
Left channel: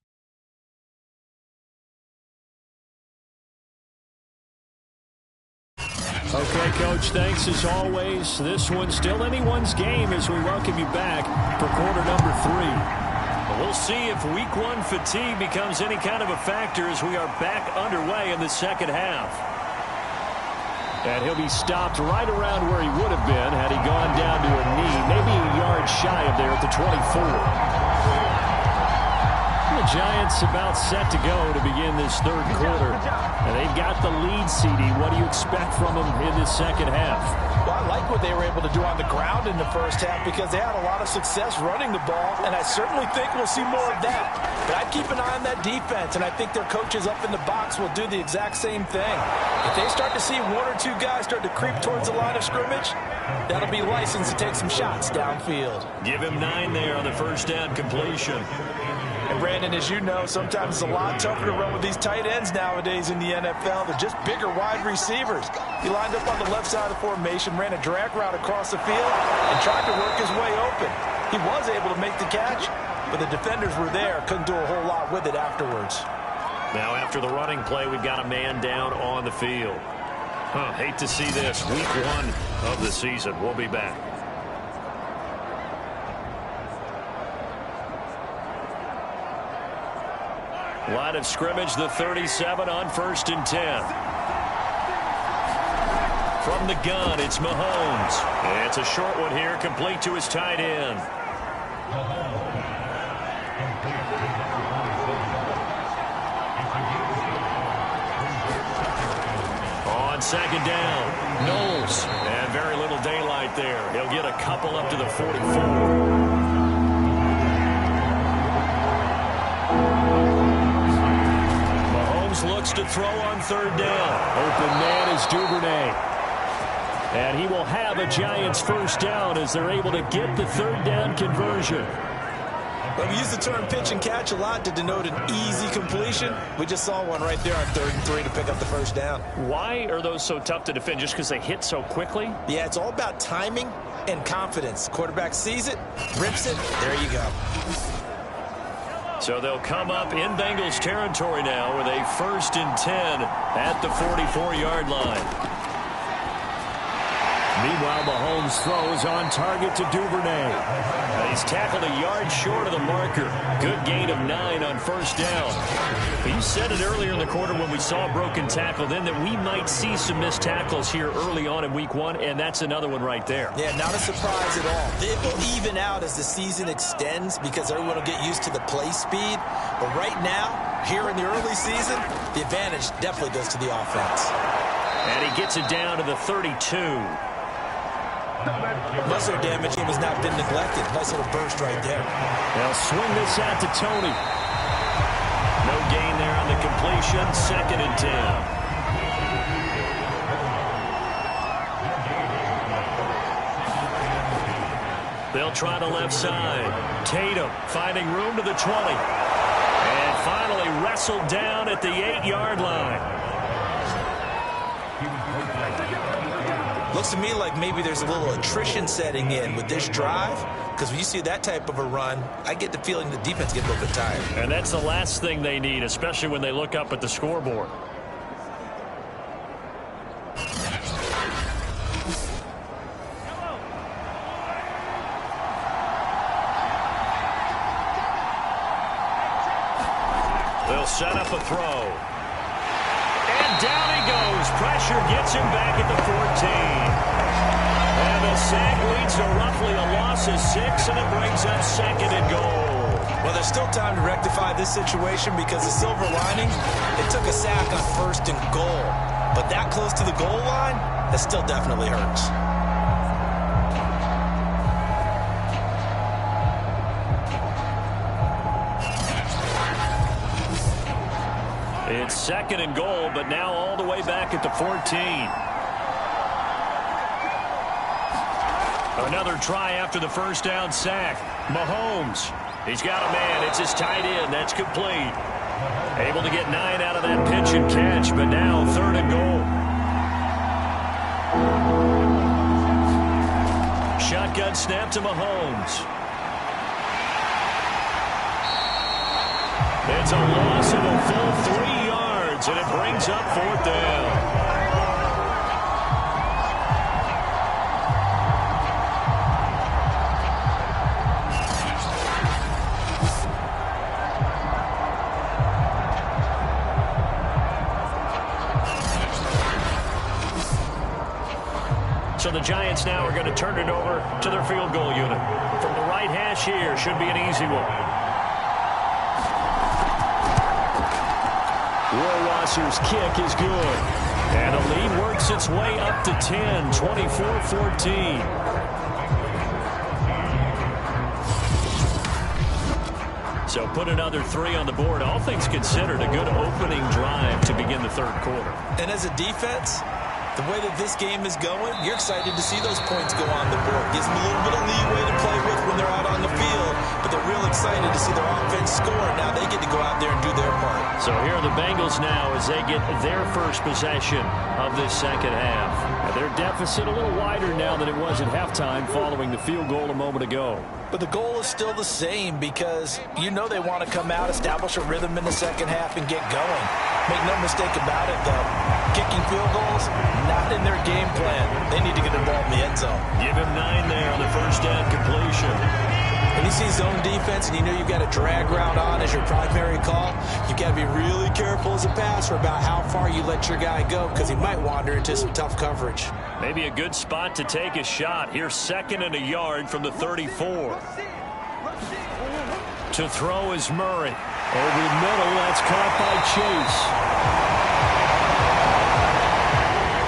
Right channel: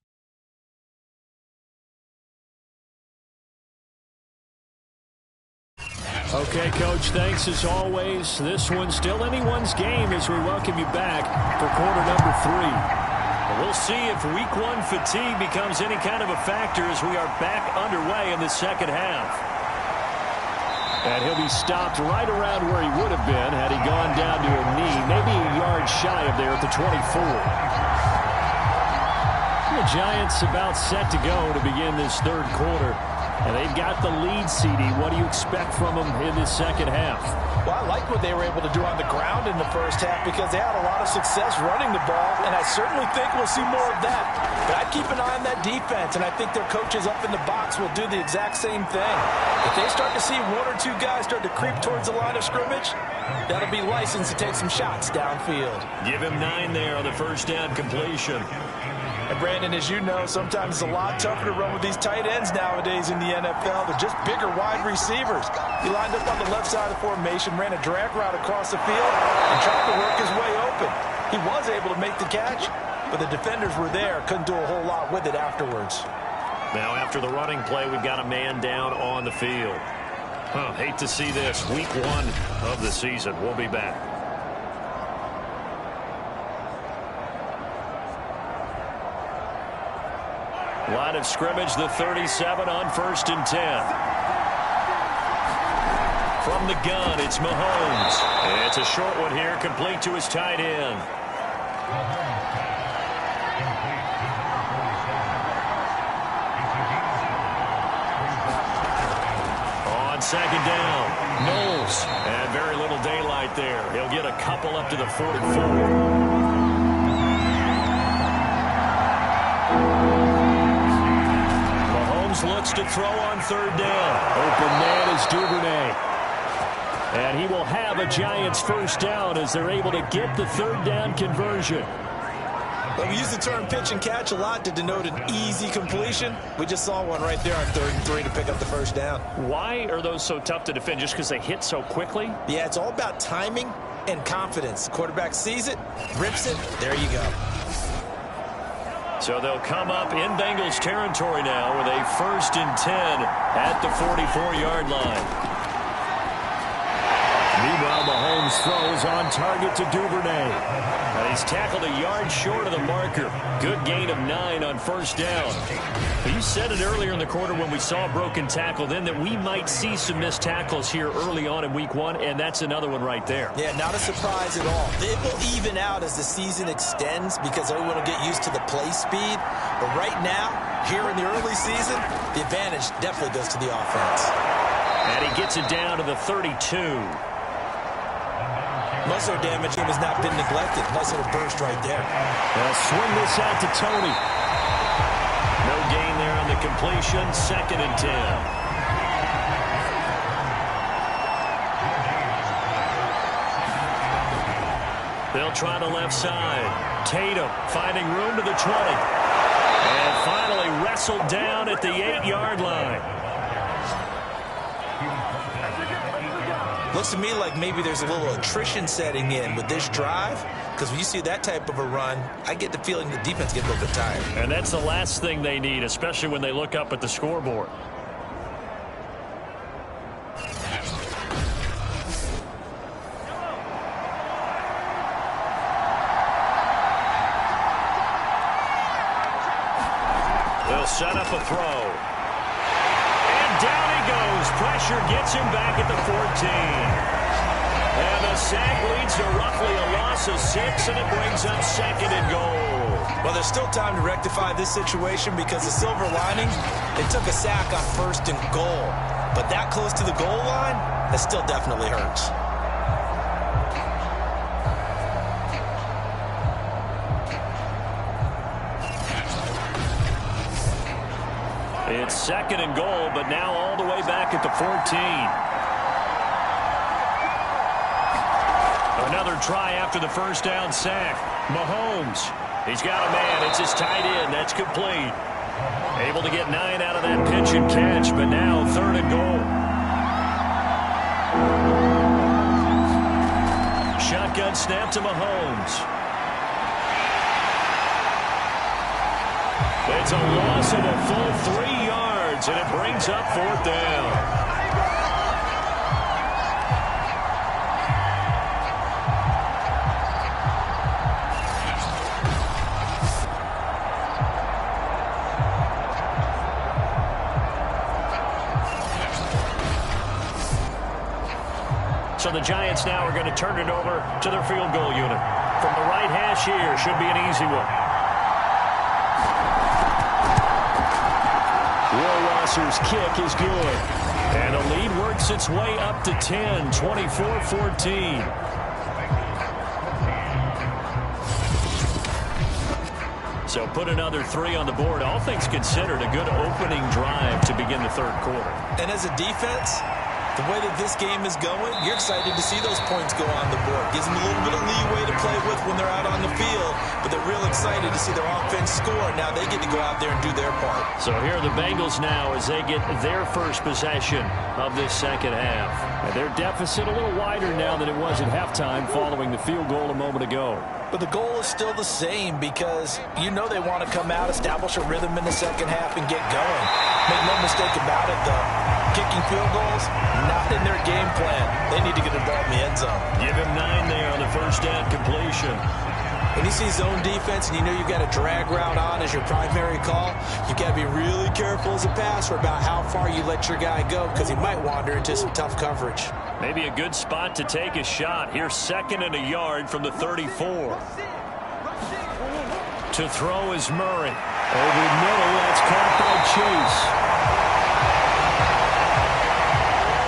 Okay, Coach, thanks as always. This one's still anyone's game as we welcome you back for quarter number 3. We'll see if Week 1 fatigue becomes any kind of a factor as we are back underway in the second half. And he'll be stopped right around where he would have been had he gone down to a knee, maybe a yard shy of there at the 24. The Giants about set to go to begin this third quarter. And they've got the lead, CD. What do you expect from them in this second half? Well, I like what they were able to do on the ground in the first half because they had a lot of success running the ball, and I certainly think we'll see more of that. But I'd keep an eye on that defense, and I think their coaches up in the box will do the exact same thing. If they start to see 1 or 2 guys start to creep towards the line of scrimmage, that'll be licensed to take some shots downfield. Give him 9 there on the first down completion. And, Brandon, as you know, sometimes it's a lot tougher to run with these tight ends nowadays in the NFL. They're just bigger wide receivers. He lined up on the left side of the formation, ran a drag route across the field, and tried to work his way open. He was able to make the catch, but the defenders were there, couldn't do a whole lot with it afterwards. Now, after the running play, we've got a man down on the field. Hate to see this. Week 1 of the season. We'll be back. Line of scrimmage, the 37 on 1st and 10. From the gun, it's Mahomes. It's a short one here, complete to his tight end. On second down, Knowles. And very little daylight there. He'll get a couple up to the 44. Looks to throw on 3rd down. Open man is Duvernay. And he will have a Giants first down as they're able to get the 3rd down conversion. Well, we use the term pitch and catch a lot to denote an easy completion. We just saw one right there on 3rd and 3 to pick up the first down. Why are those so tough to defend? Just because they hit so quickly? Yeah, it's all about timing and confidence. Quarterback sees it, rips it, there you go. So they'll come up in Bengals territory now with a 1st and 10 at the 44-yard line. Meanwhile, Mahomes throws on target to Duvernay. He's tackled a yard short of the marker. Good gain of 9 on 1st down. But you said it earlier in the quarter when we saw a broken tackle then that we might see some missed tackles here early on in Week 1, and that's another one right there. Yeah, not a surprise at all. It will even out as the season extends because everyone will get used to the play speed. But right now, here in the early season, the advantage definitely goes to the offense. And he gets it down to the 32. Most of their damage team has not been neglected. Nice little burst right there. They'll swing this out to Tony. No gain there on the completion. 2nd and 10. They'll try the left side. Tatum finding room to the 20. And finally wrestled down at the 8-yard line. Looks to me like maybe there's a little attrition setting in with this drive. because when you see that type of a run, I get the feeling the defense gets a little bit tired. And that's the last thing they need, especially when they look up at the scoreboard. They'll set up a throw. And down he goes. Pressure gets him back at the 14. And the sack leads to roughly a loss of 6, and it brings up 2nd and goal. Well, there's still time to rectify this situation because the silver lining, they took a sack on 1st and goal. But that close to the goal line, that still definitely hurts. It's 2nd and goal, but now all the way back at the 14. Another try after the first down sack. Mahomes, he's got a man. It's his tight end. That's complete. Able to get 9 out of that pitch and catch, but now 3rd and goal. Shotgun snap to Mahomes. It's a loss of a full 3 yards, and it brings up 4th down. So the Giants now are going to turn it over to their field goal unit. From the right hash here, should be an easy one. Rohrwasser's kick is good. And the lead works its way up to 10, 24-14. So put another 3 on the board. All things considered, a good opening drive to begin the 3rd quarter. And as a defense, the way that this game is going, you're excited to see those points go on the board. Gives them a little bit of leeway to play with when they're out on the field, but they're real excited to see their offense score. Now they get to go out there and do their part. So here are the Bengals now as they get their first possession of this 2nd half. And their deficit a little wider now than it was at halftime following the field goal a moment ago. But the goal is still the same because you know they want to come out, establish a rhythm in the 2nd half, and get going. Make no mistake about it, though. Kicking field goals, not in their game plan. They need to get involved in the end zone. Give him 9 there on the first down completion. When you see zone defense and you know you've got a drag route on as your primary call, you've got to be really careful as a passer about how far you let your guy go because he might wander into some tough coverage. Maybe a good spot to take a shot. Here's 2nd and a yard from the 34. To throw is Murray. Over the middle, that's caught by Chase.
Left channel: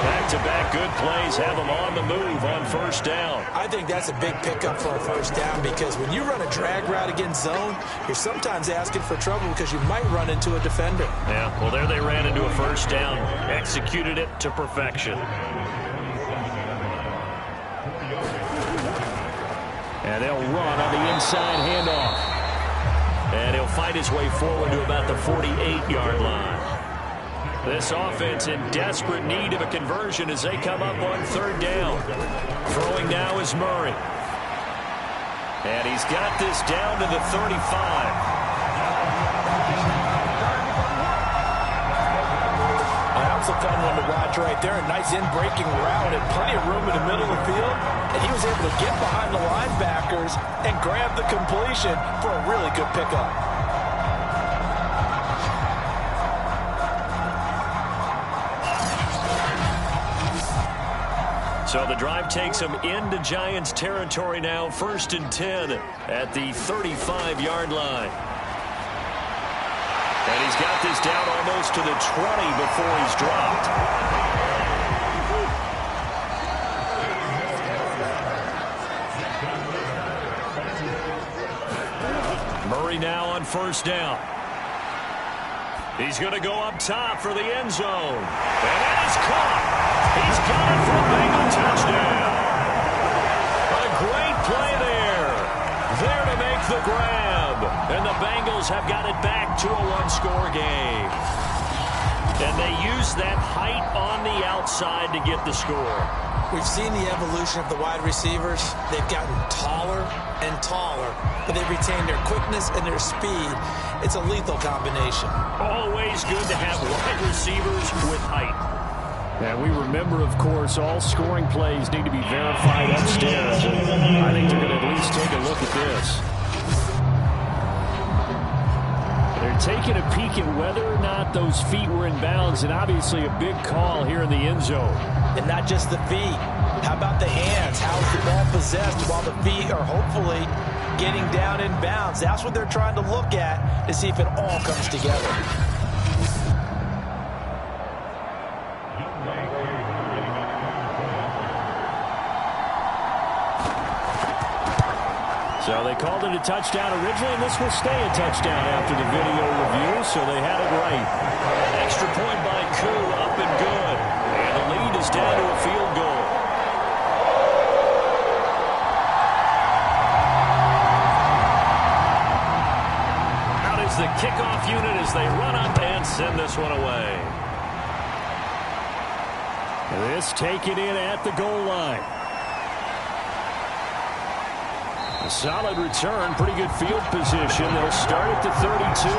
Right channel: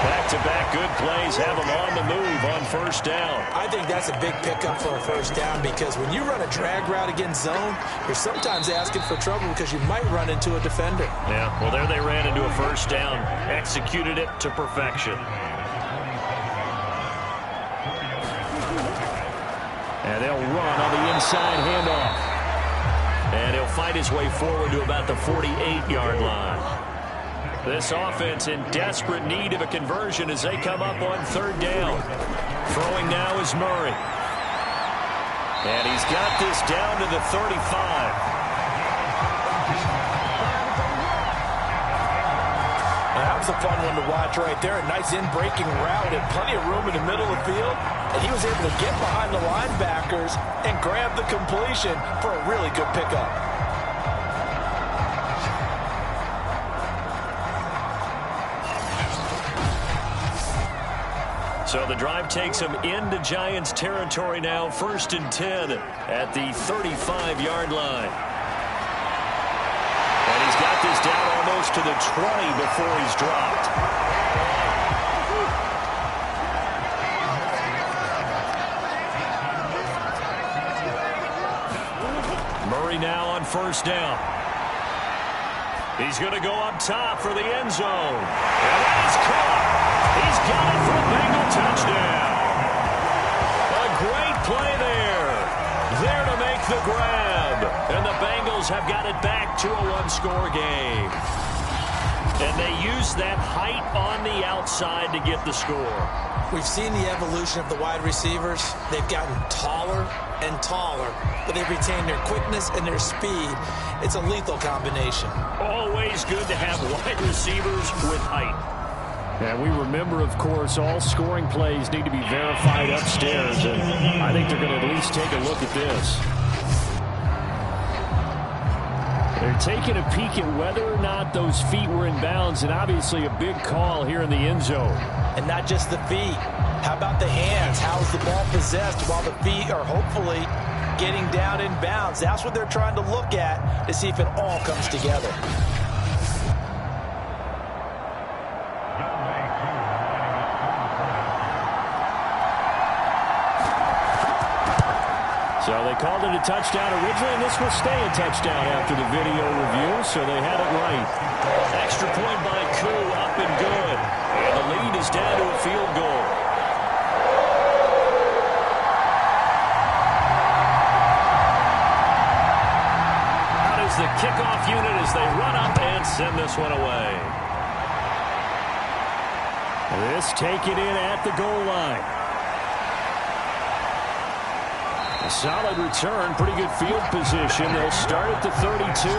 Back-to-back good plays have them on the move on first down. I think that's a big pickup for a first down because when you run a drag route against zone, you're sometimes asking for trouble because you might run into a defender. Yeah, well, there they ran into a first down. Executed it to perfection. And they'll run on the inside handoff. And he'll fight his way forward to about the 48-yard line. This offense in desperate need of a conversion as they come up on 3rd down. Throwing now is Murray. And he's got this down to the 35. That was a fun one to watch right there. A nice in-breaking route and plenty of room in the middle of the field. And he was able to get behind the linebackers and grab the completion for a really good pickup. So the drive takes him into Giants territory now. 1st and 10 at the 35-yard line. And he's got this down almost to the 20 before he's dropped. Murray now on first down. He's going to go up top for the end zone. And that is caught. He's got it for a Bengal touchdown. A great play there. There to make the grab. And the Bengals have got it back to a one-score game. And they use that height on the outside to get the score. We've seen the evolution of the wide receivers. They've gotten taller, and taller, but they retain their quickness and their speed. It's a lethal combination. Always good to have wide receivers with height. And we remember, of course, all scoring plays need to be verified upstairs, and I think they're going to at least take a look at this. They're taking a peek at whether or not those feet were in bounds, and obviously a big call here in the end zone. And not just the feet. How about the hands? How's the ball possessed while the feet are hopefully getting down in bounds? That's what they're trying to look at to see if it all comes together. So they called it a touchdown originally, and this will stay a touchdown after the video review, so they had it right. Extra point by Koo, up and good. And the lead is down to a field goal. Out is the kickoff unit as they run up and send this one away. This taken in at the goal line. A solid return, pretty good field position. They'll start at the 32.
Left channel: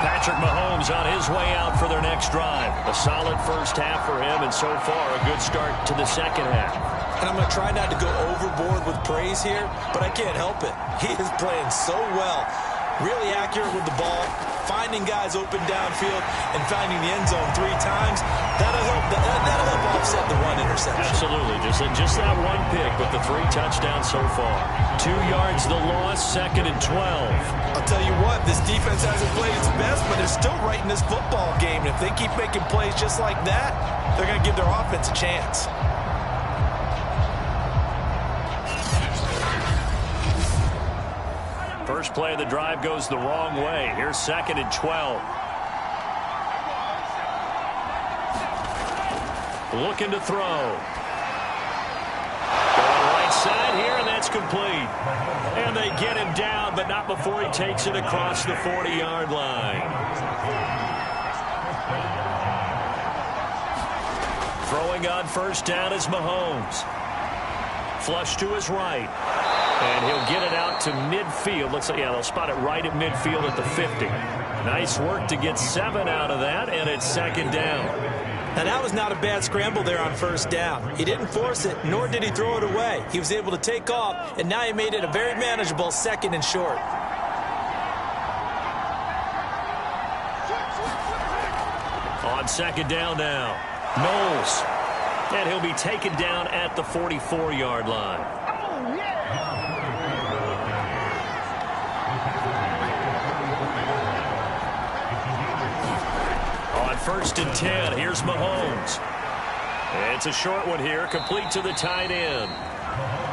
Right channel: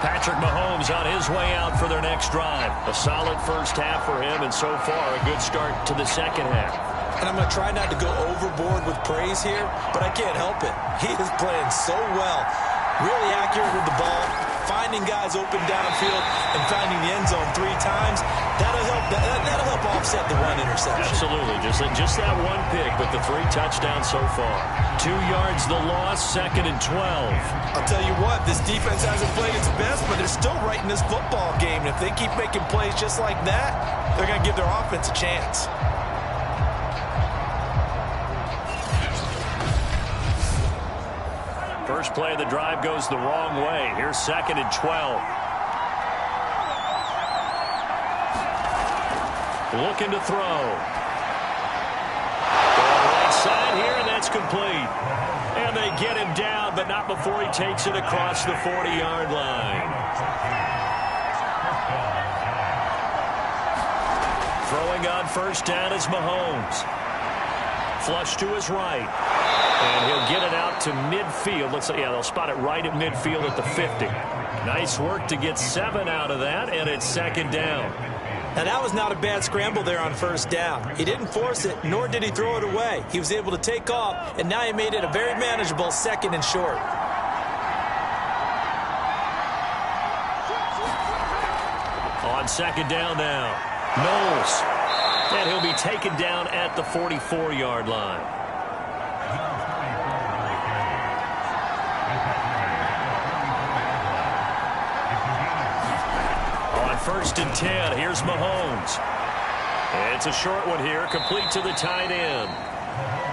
Patrick Mahomes on his way out for their next drive. A solid first half for him, and so far a good start to the second half. And I'm going to try not to go overboard with praise here, but I can't help it. He is playing so well. Really accurate with the ball, finding guys open downfield, and finding the end zone 3 times. That'll help offset the 1 interception. Absolutely. Just that 1 pick, but the 3 touchdowns so far. 2 yards the loss, 2nd and 12. I'll tell you what, this defense hasn't played its best, but they're still right in this football game. And if they keep making plays just like that, they're going to give their offense a chance. First play of the drive goes the wrong way. Here's 2nd and 12. Looking to throw. Going right side here, and that's complete. And they get him down, but not before he takes it across the 40-yard line. Throwing on first down is Mahomes. Flush to his right. And he'll get it out to midfield. Looks like, yeah, they'll spot it right at midfield at the 50. Nice work to get 7 out of that, and it's 2nd down. Now, that was not a bad scramble there on first down. He didn't force it, nor did he throw it away. He was able to take off, and now he made it a very manageable 2nd and short. On 2nd down now, Knowles. And he'll be taken down at the 44-yard line. On 1st and 10, here's Mahomes. It's a short one here, complete to the tight end.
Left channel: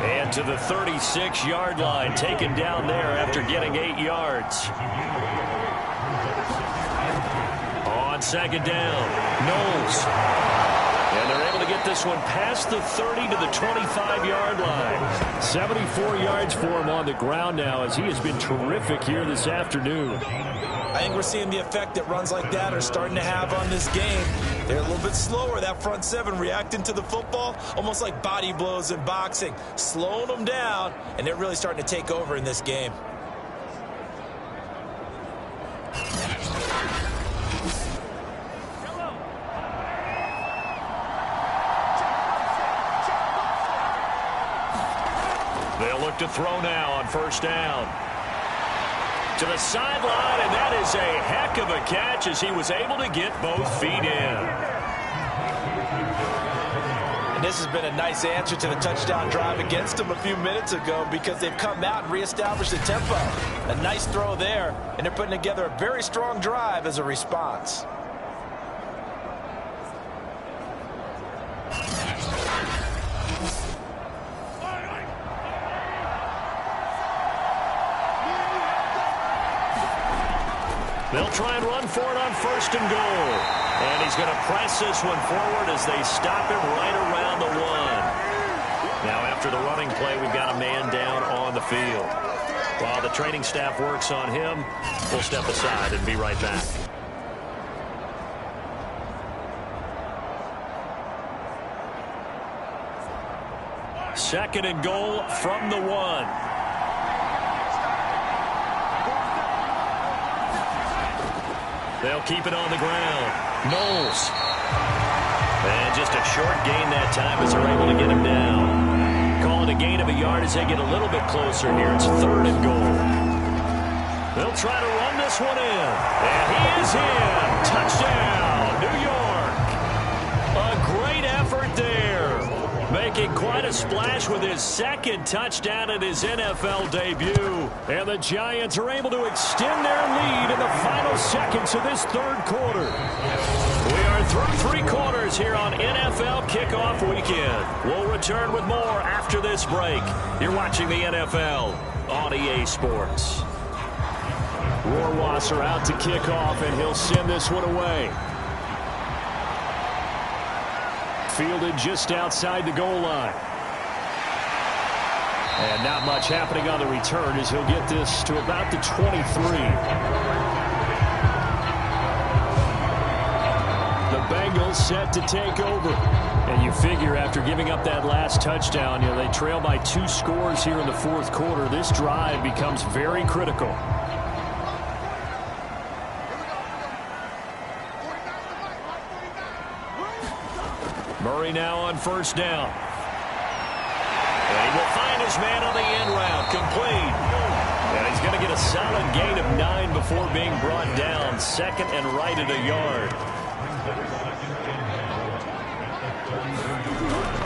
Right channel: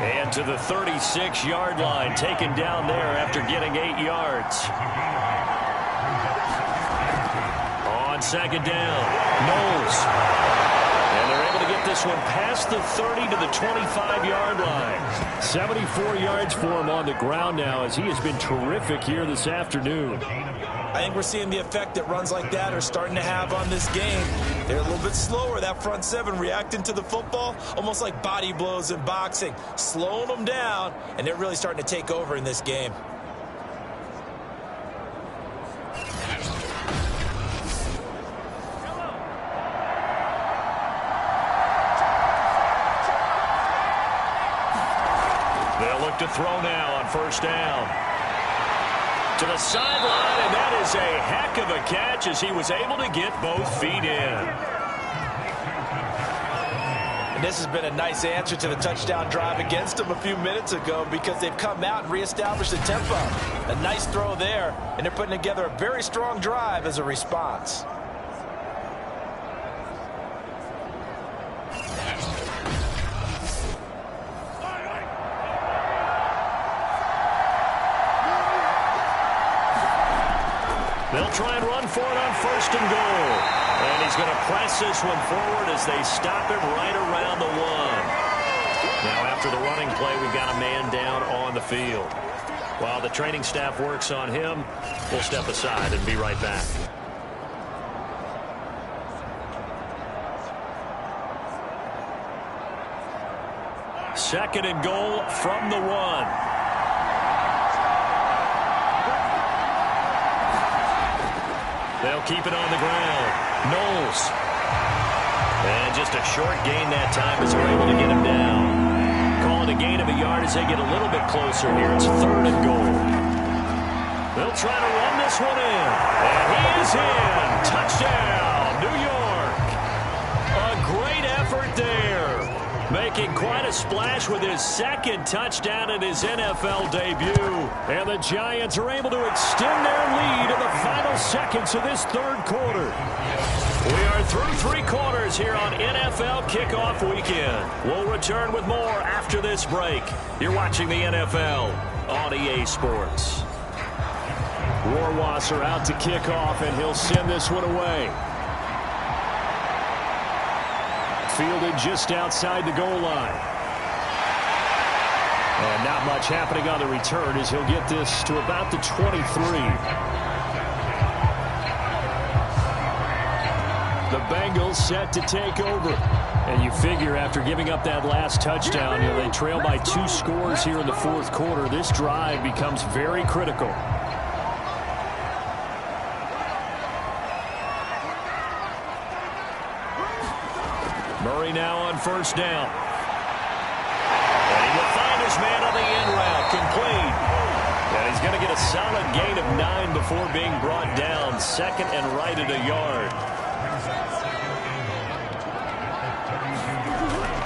And to the 36-yard line, taken down there after getting 8 yards. On 2nd down, Knowles. And they're able to get this one past the 30 to the 25-yard line. 74 yards for him on the ground now, as he has been terrific here this afternoon. I think we're seeing the effect that runs like that are starting to have on this game. They're a little bit slower, that front 7, reacting to the football, almost like body blows in boxing, slowing them down, and they're really starting to take over in this game. They'll look to throw now on first down. To the sideline, and that is a heck of a catch as he was able to get both feet in. And this has been a nice answer to the touchdown drive against them a few minutes ago because they've come out and reestablished the tempo. A nice throw there, and they're putting together a very strong drive as a response. They'll try and run for it on 1st and goal. And he's going to press this one forward as they stop him right around the 1. Now, after the running play, we've got a man down on the field. While the training staff works on him, we'll step aside and be right back. Second and goal from the 1. They'll keep it on the ground. Knowles. And just a short gain that time as they're able to get him down. Calling a gain of a yard as they get a little bit closer here. It's 3rd and goal. They'll try to run this one in. And he is in. Touchdown, New York. A great effort there. Making quite a splash with his 2nd touchdown in his NFL debut. And the Giants are able to extend their lead in the final seconds of this 3rd quarter. We are through 3 quarters here on NFL Kickoff Weekend. We'll return with more after this break. You're watching the NFL on EA Sports. Rohrwasser out to kick off, and he'll send this one away. Fielded just outside the goal line. And not much happening on the return as he'll get this to about the 23. The Bengals set to take over. And you figure after giving up that last touchdown, they trail by 2 scores here in the 4th quarter. This drive becomes very critical. Murray now on 1st down. And he will find his man on the end route. Complete. And he's going to get a solid gain of 9 before being brought down. 2nd and right at a yard.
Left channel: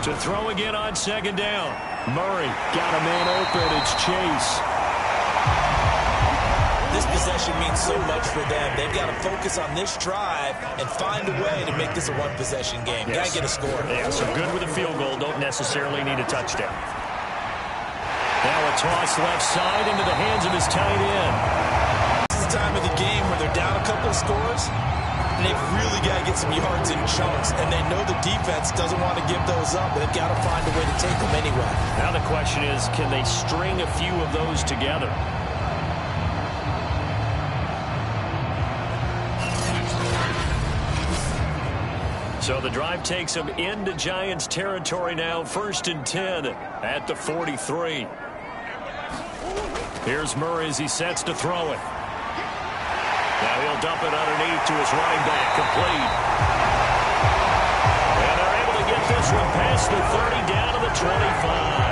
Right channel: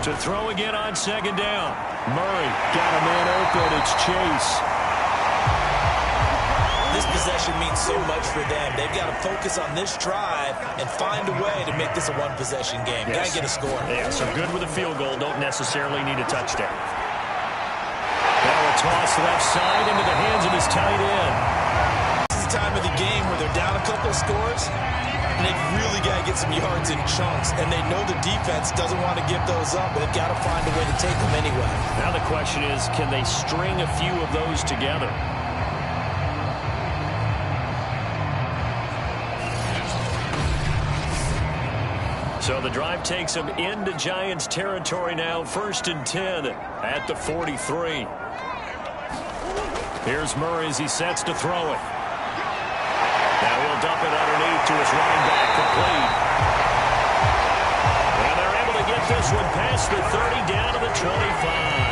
To throw again on 2nd down. Murray got a man open. It's Chase. This possession means so much for them. They've got to focus on this drive and find a way to make this a 1-possession game. Yes. Got to get a score. Yeah, so good with a field goal. Don't necessarily need a touchdown. Now a toss left side into the hands of his tight end. This is the time of the game where they're down a couple of scores, and they've really got to get some yards in chunks, and they know the defense doesn't want to give those up, but they've got to find a way to take them anyway. Now the question is, can they string a few of those together? So the drive takes them into Giants territory now. 1st and 10 at the 43. Here's Murray as he sets to throw it. Now he'll dump it underneath to his running back. Complete. And they're able to get this one past the 30 down to the 25.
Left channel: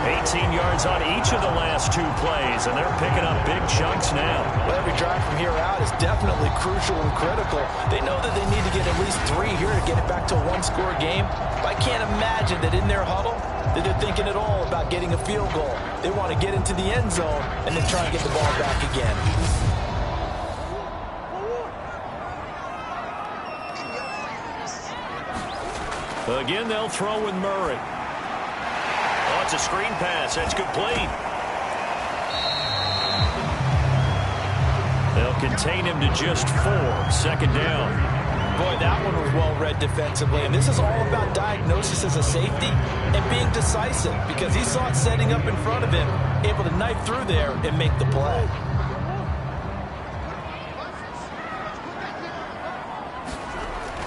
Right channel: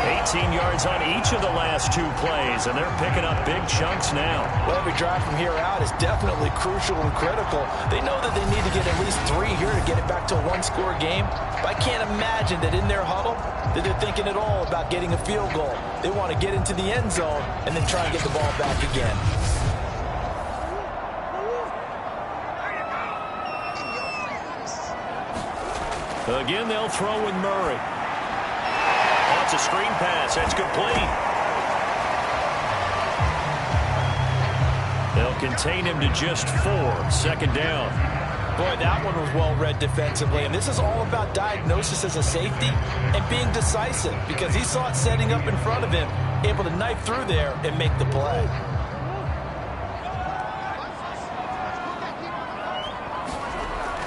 18 yards on each of the last 2 plays, and they're picking up big chunks now. Well, every drive from here out is definitely crucial and critical. They know that they need to get at least 3 here to get it back to a 1-score game. But I can't imagine that in their huddle that they're thinking at all about getting a field goal. They want to get into the end zone and then try and get the ball back again. Again, they'll throw with Murray. Oh, it's a screen pass. That's complete. They'll contain him to just 4. 2nd down. Boy, that one was well read defensively. And this is all about diagnosis as a safety and being decisive, because he saw it setting up in front of him, able to knife through there and make the play.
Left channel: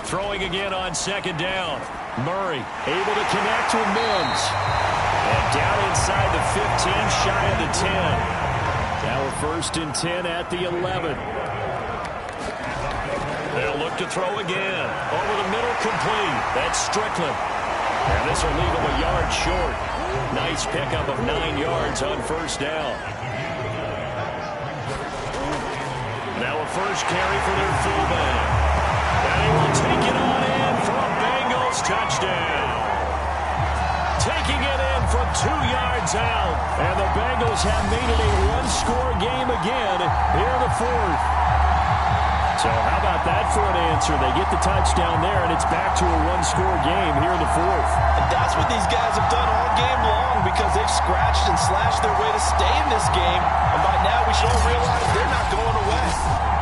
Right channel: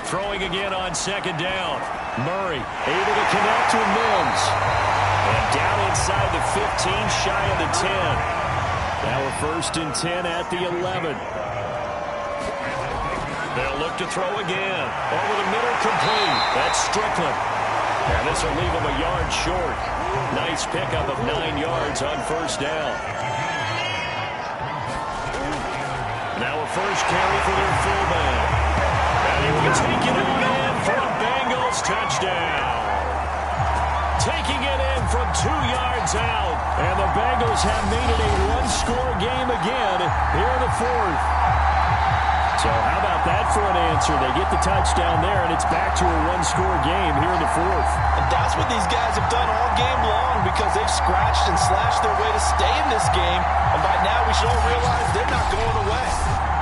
Throwing again on 2nd down. Murray able to connect with Mims. And down inside the 15, shy of the 10. Now we're 1st and 10 at the 11. They'll look to throw again. Over the middle, complete. That's Strickland. And this will leave him a yard short. Nice pickup of 9 yards on 1st down. Now a first carry for their fullback. And he will take it on in for a Bengals touchdown. Taking it in from 2 yards out. And the Bengals have made it a 1-score game again here in the 4th. So how about that for an answer? They get the touchdown there, and it's back to a 1-score game here in the 4th. And that's what these guys have done all game long, because they've scratched and slashed their way to stay in this game. And by now, we should all realize they're not going away.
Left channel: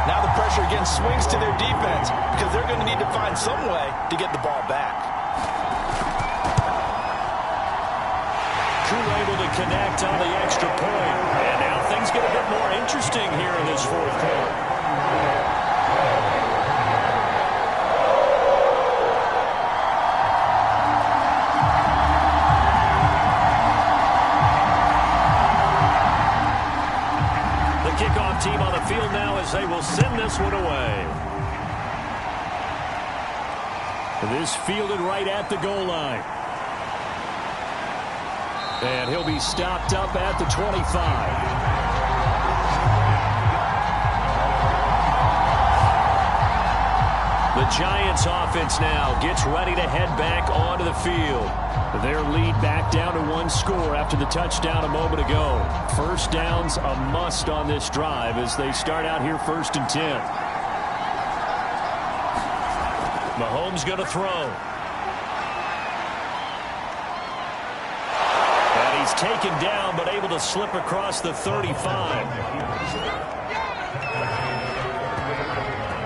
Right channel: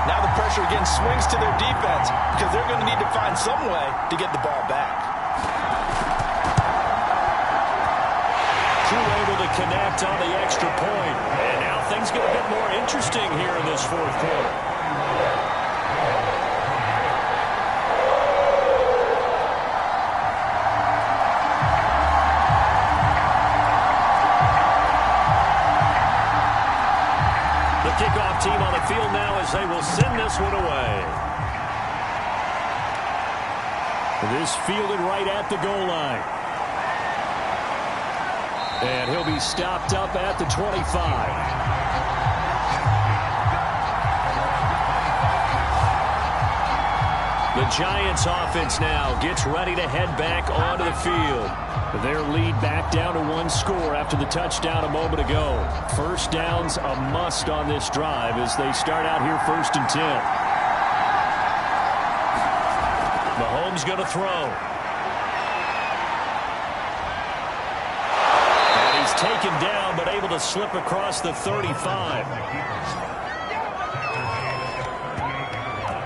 Now the pressure again swings to their defense, because they're going to need to find some way to get the ball back. Koo able to connect on the extra point. And now things get a bit more interesting here in this 4th quarter. kickoff team on the field now as they will send this one away. This fielded right at the goal line. And he'll be stopped up at the 25. The Giants offense now gets ready to head back onto the field. Their lead back down to 1 score after the touchdown a moment ago. First down's a must on this drive as they start out here 1st and 10. Mahomes going to throw. And he's taken down but able to slip across the 35.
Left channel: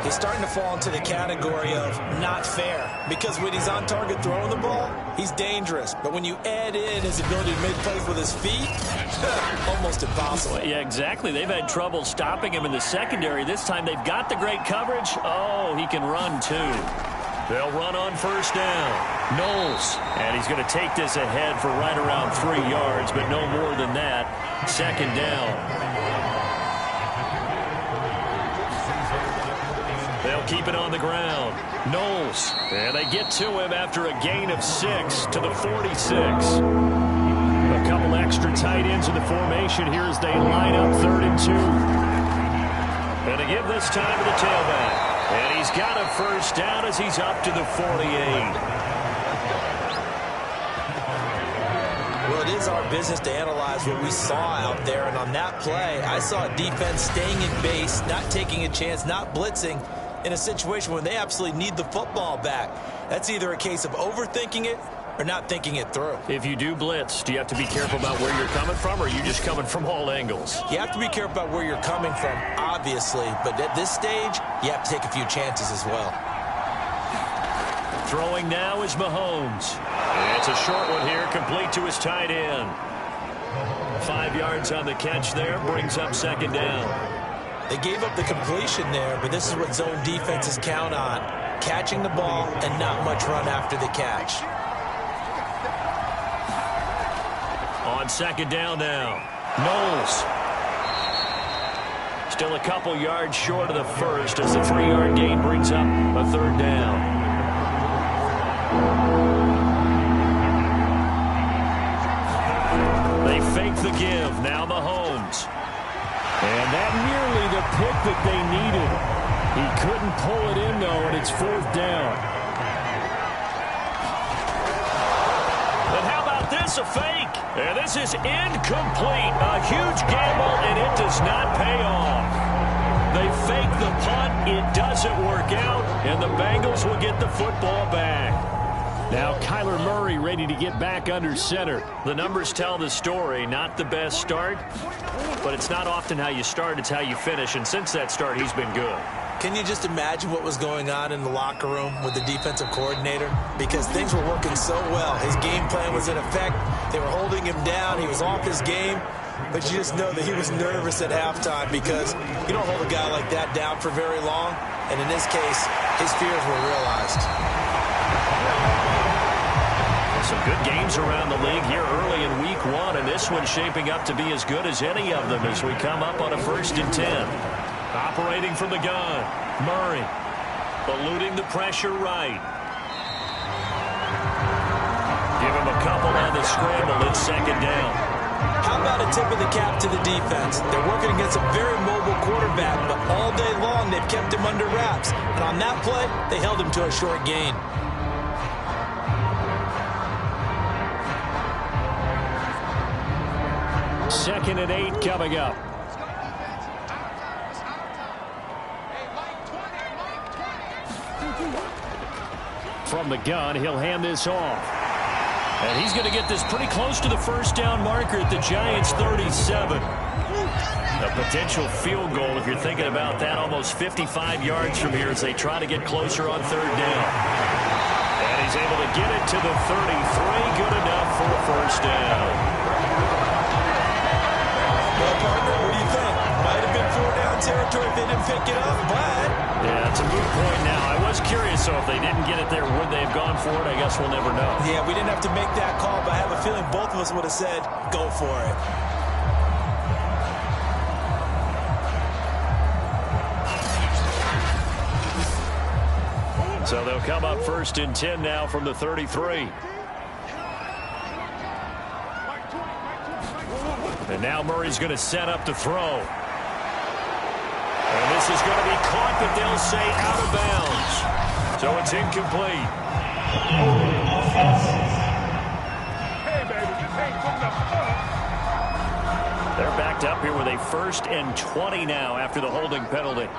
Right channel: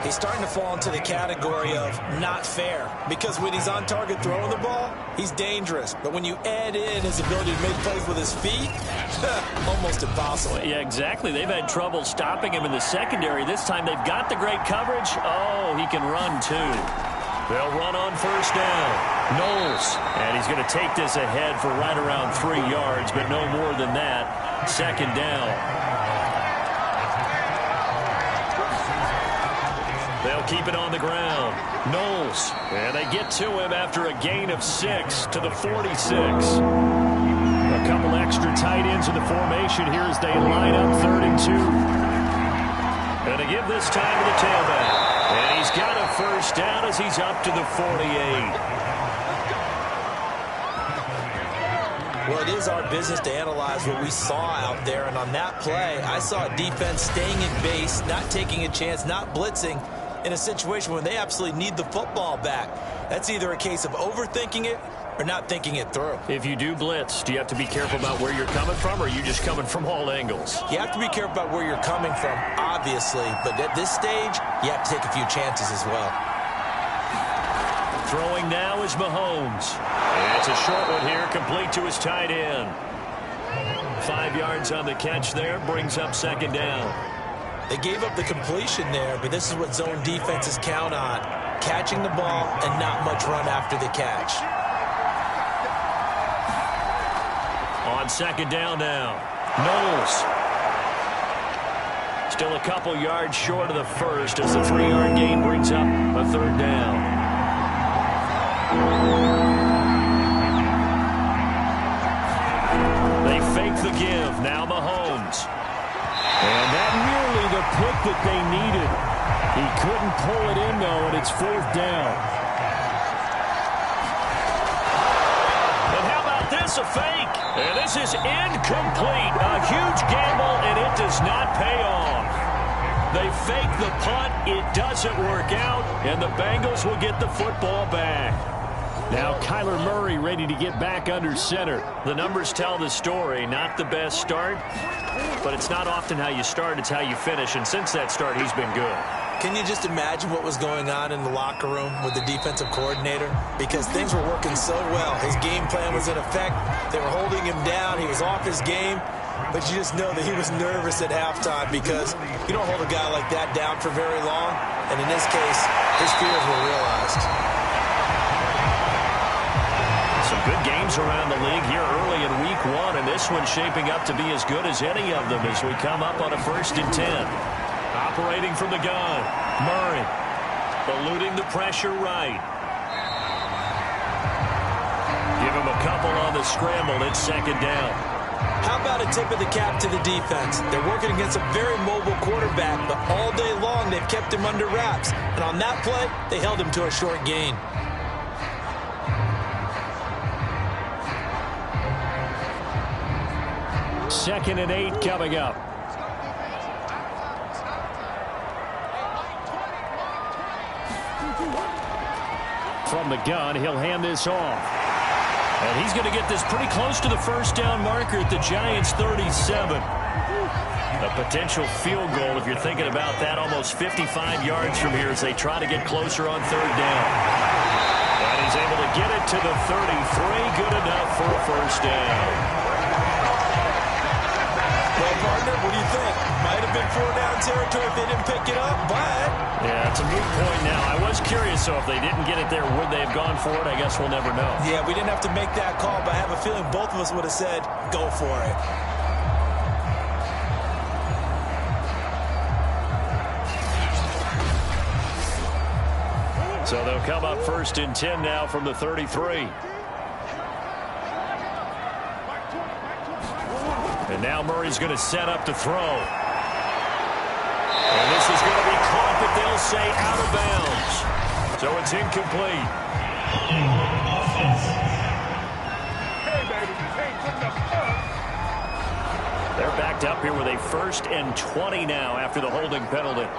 He's starting to fall into the category of not fair, because when he's on target throwing the ball, he's dangerous. But when you add in his ability to make plays with his feet, almost impossible. Yeah, exactly. They've had trouble stopping him in the secondary. This time they've got the great coverage. Oh, he can run too. They'll run on 1st down. Knowles. And he's going to take this ahead for right around 3 yards, but no more than that. 2nd down. They'll keep it on the ground. Knowles. And they get to him after a gain of 6 to the 46. A couple extra tight ends in the formation here as they line up 3rd and 2. And to give this time to the tailback. And he's got a 1st down as he's up to the 48. Well, it is our business to analyze what we saw out there. And on that play, I saw a defense staying in base, not taking a chance, not blitzing, in a situation when they absolutely need the football back. That's either a case of overthinking it or not thinking it through. If you do blitz, do you have to be careful about where you're coming from, or are you just coming from all angles? You have to be careful about where you're coming from, obviously, but at this stage, you have to take a few chances as well. Throwing now is Mahomes. It's a short one here, complete to his tight end. 5 yards on the catch there, brings up 2nd down. They gave up the completion there, but this is what zone defenses count on. Catching the ball and not much run after the catch. On 2nd down now. Knowles. Still a couple yards short of the 1st as the 3-yard gain brings up a 3rd down. They fake the give. Now Mahomes. And that nearly the pick that they needed. He couldn't pull it in, though, and it's 4th down. And how about this, a fake? And this is incomplete. A huge gamble, and it does not pay off. They fake the punt. It doesn't work out, and the Bengals will get the football back. Now Kyler Murray ready to get back under center. The numbers tell the story. Not the best start, but it's not often how you start, it's how you finish. And since that start, he's been good. Can you just imagine what was going on in the locker room with the defensive coordinator? Because things were working so well. His game plan was in effect. They were holding him down. He was off his game. But you just know that he was nervous at halftime because you don't hold a guy like that down for very long. And in this case, his fears were realized. Some good games around the league here early in week 1, and this one's shaping up to be as good as any of them as we come up on a 1st and 10. Operating from the gun, Murray eluding the pressure right. Give him a couple on the scramble. It's 2nd down. How about a tip of the cap to the defense? They're working against a very mobile quarterback, but all day long they've kept him under wraps. And on that play, they held him to a short gain. Second and 8 coming up. From the gun, he'll hand this off. And he's going to get this pretty close to the 1st down marker at the Giants' 37. A potential field goal, if you're thinking about that, almost 55 yards from here as they try to get closer on 3rd down. And he's able to get it to the 33. Good enough for a 1st down. Well, partner, what do you think? Might have been 4-down territory if they didn't pick it up, but... Yeah, it's a moot point now. I was curious, so if they didn't get it there, would they have gone for it? I guess we'll never know. Yeah, we didn't have to make that call, but I have a feeling both of us would have said, go for it. So they'll come up 1st and 10 now from the 33. And now Murray's going to set up to throw. And this is going to be caught, but they'll say out of bounds. So it's incomplete. They're backed up here with a 1st and 20 now after the holding penalty.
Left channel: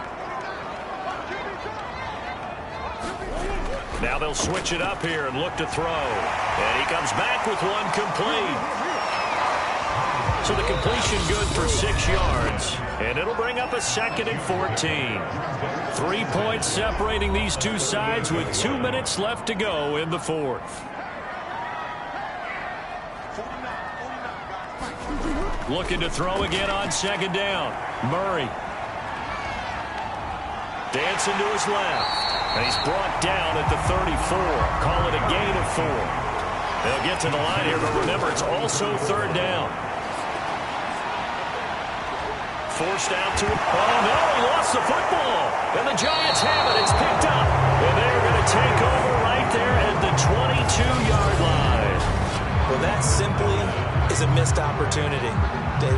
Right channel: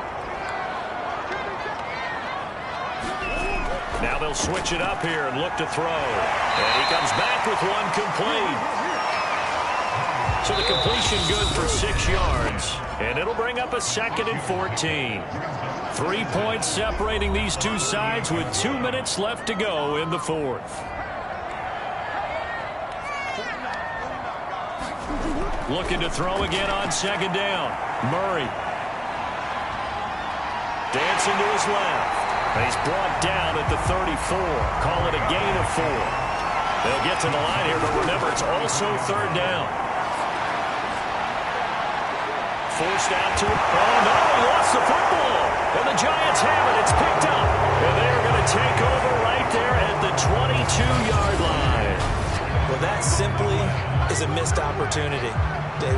Now they'll switch it up here and look to throw. And he comes back with one complete. So the completion good for 6 yards. And it'll bring up a 2nd and 14. 3 points separating these two sides with 2 minutes left to go in the 4th. Looking to throw again on 2nd down. Murray. Dancing to his left. And he's brought down at the 34. Call it a gain of 4. They'll get to the line here, but remember, it's also 3rd down. Forced out to him. Oh, no, he lost the football. And the Giants have it. It's picked up. And they're going to take over right there at the 22-yard line. Well, that simply is a missed opportunity.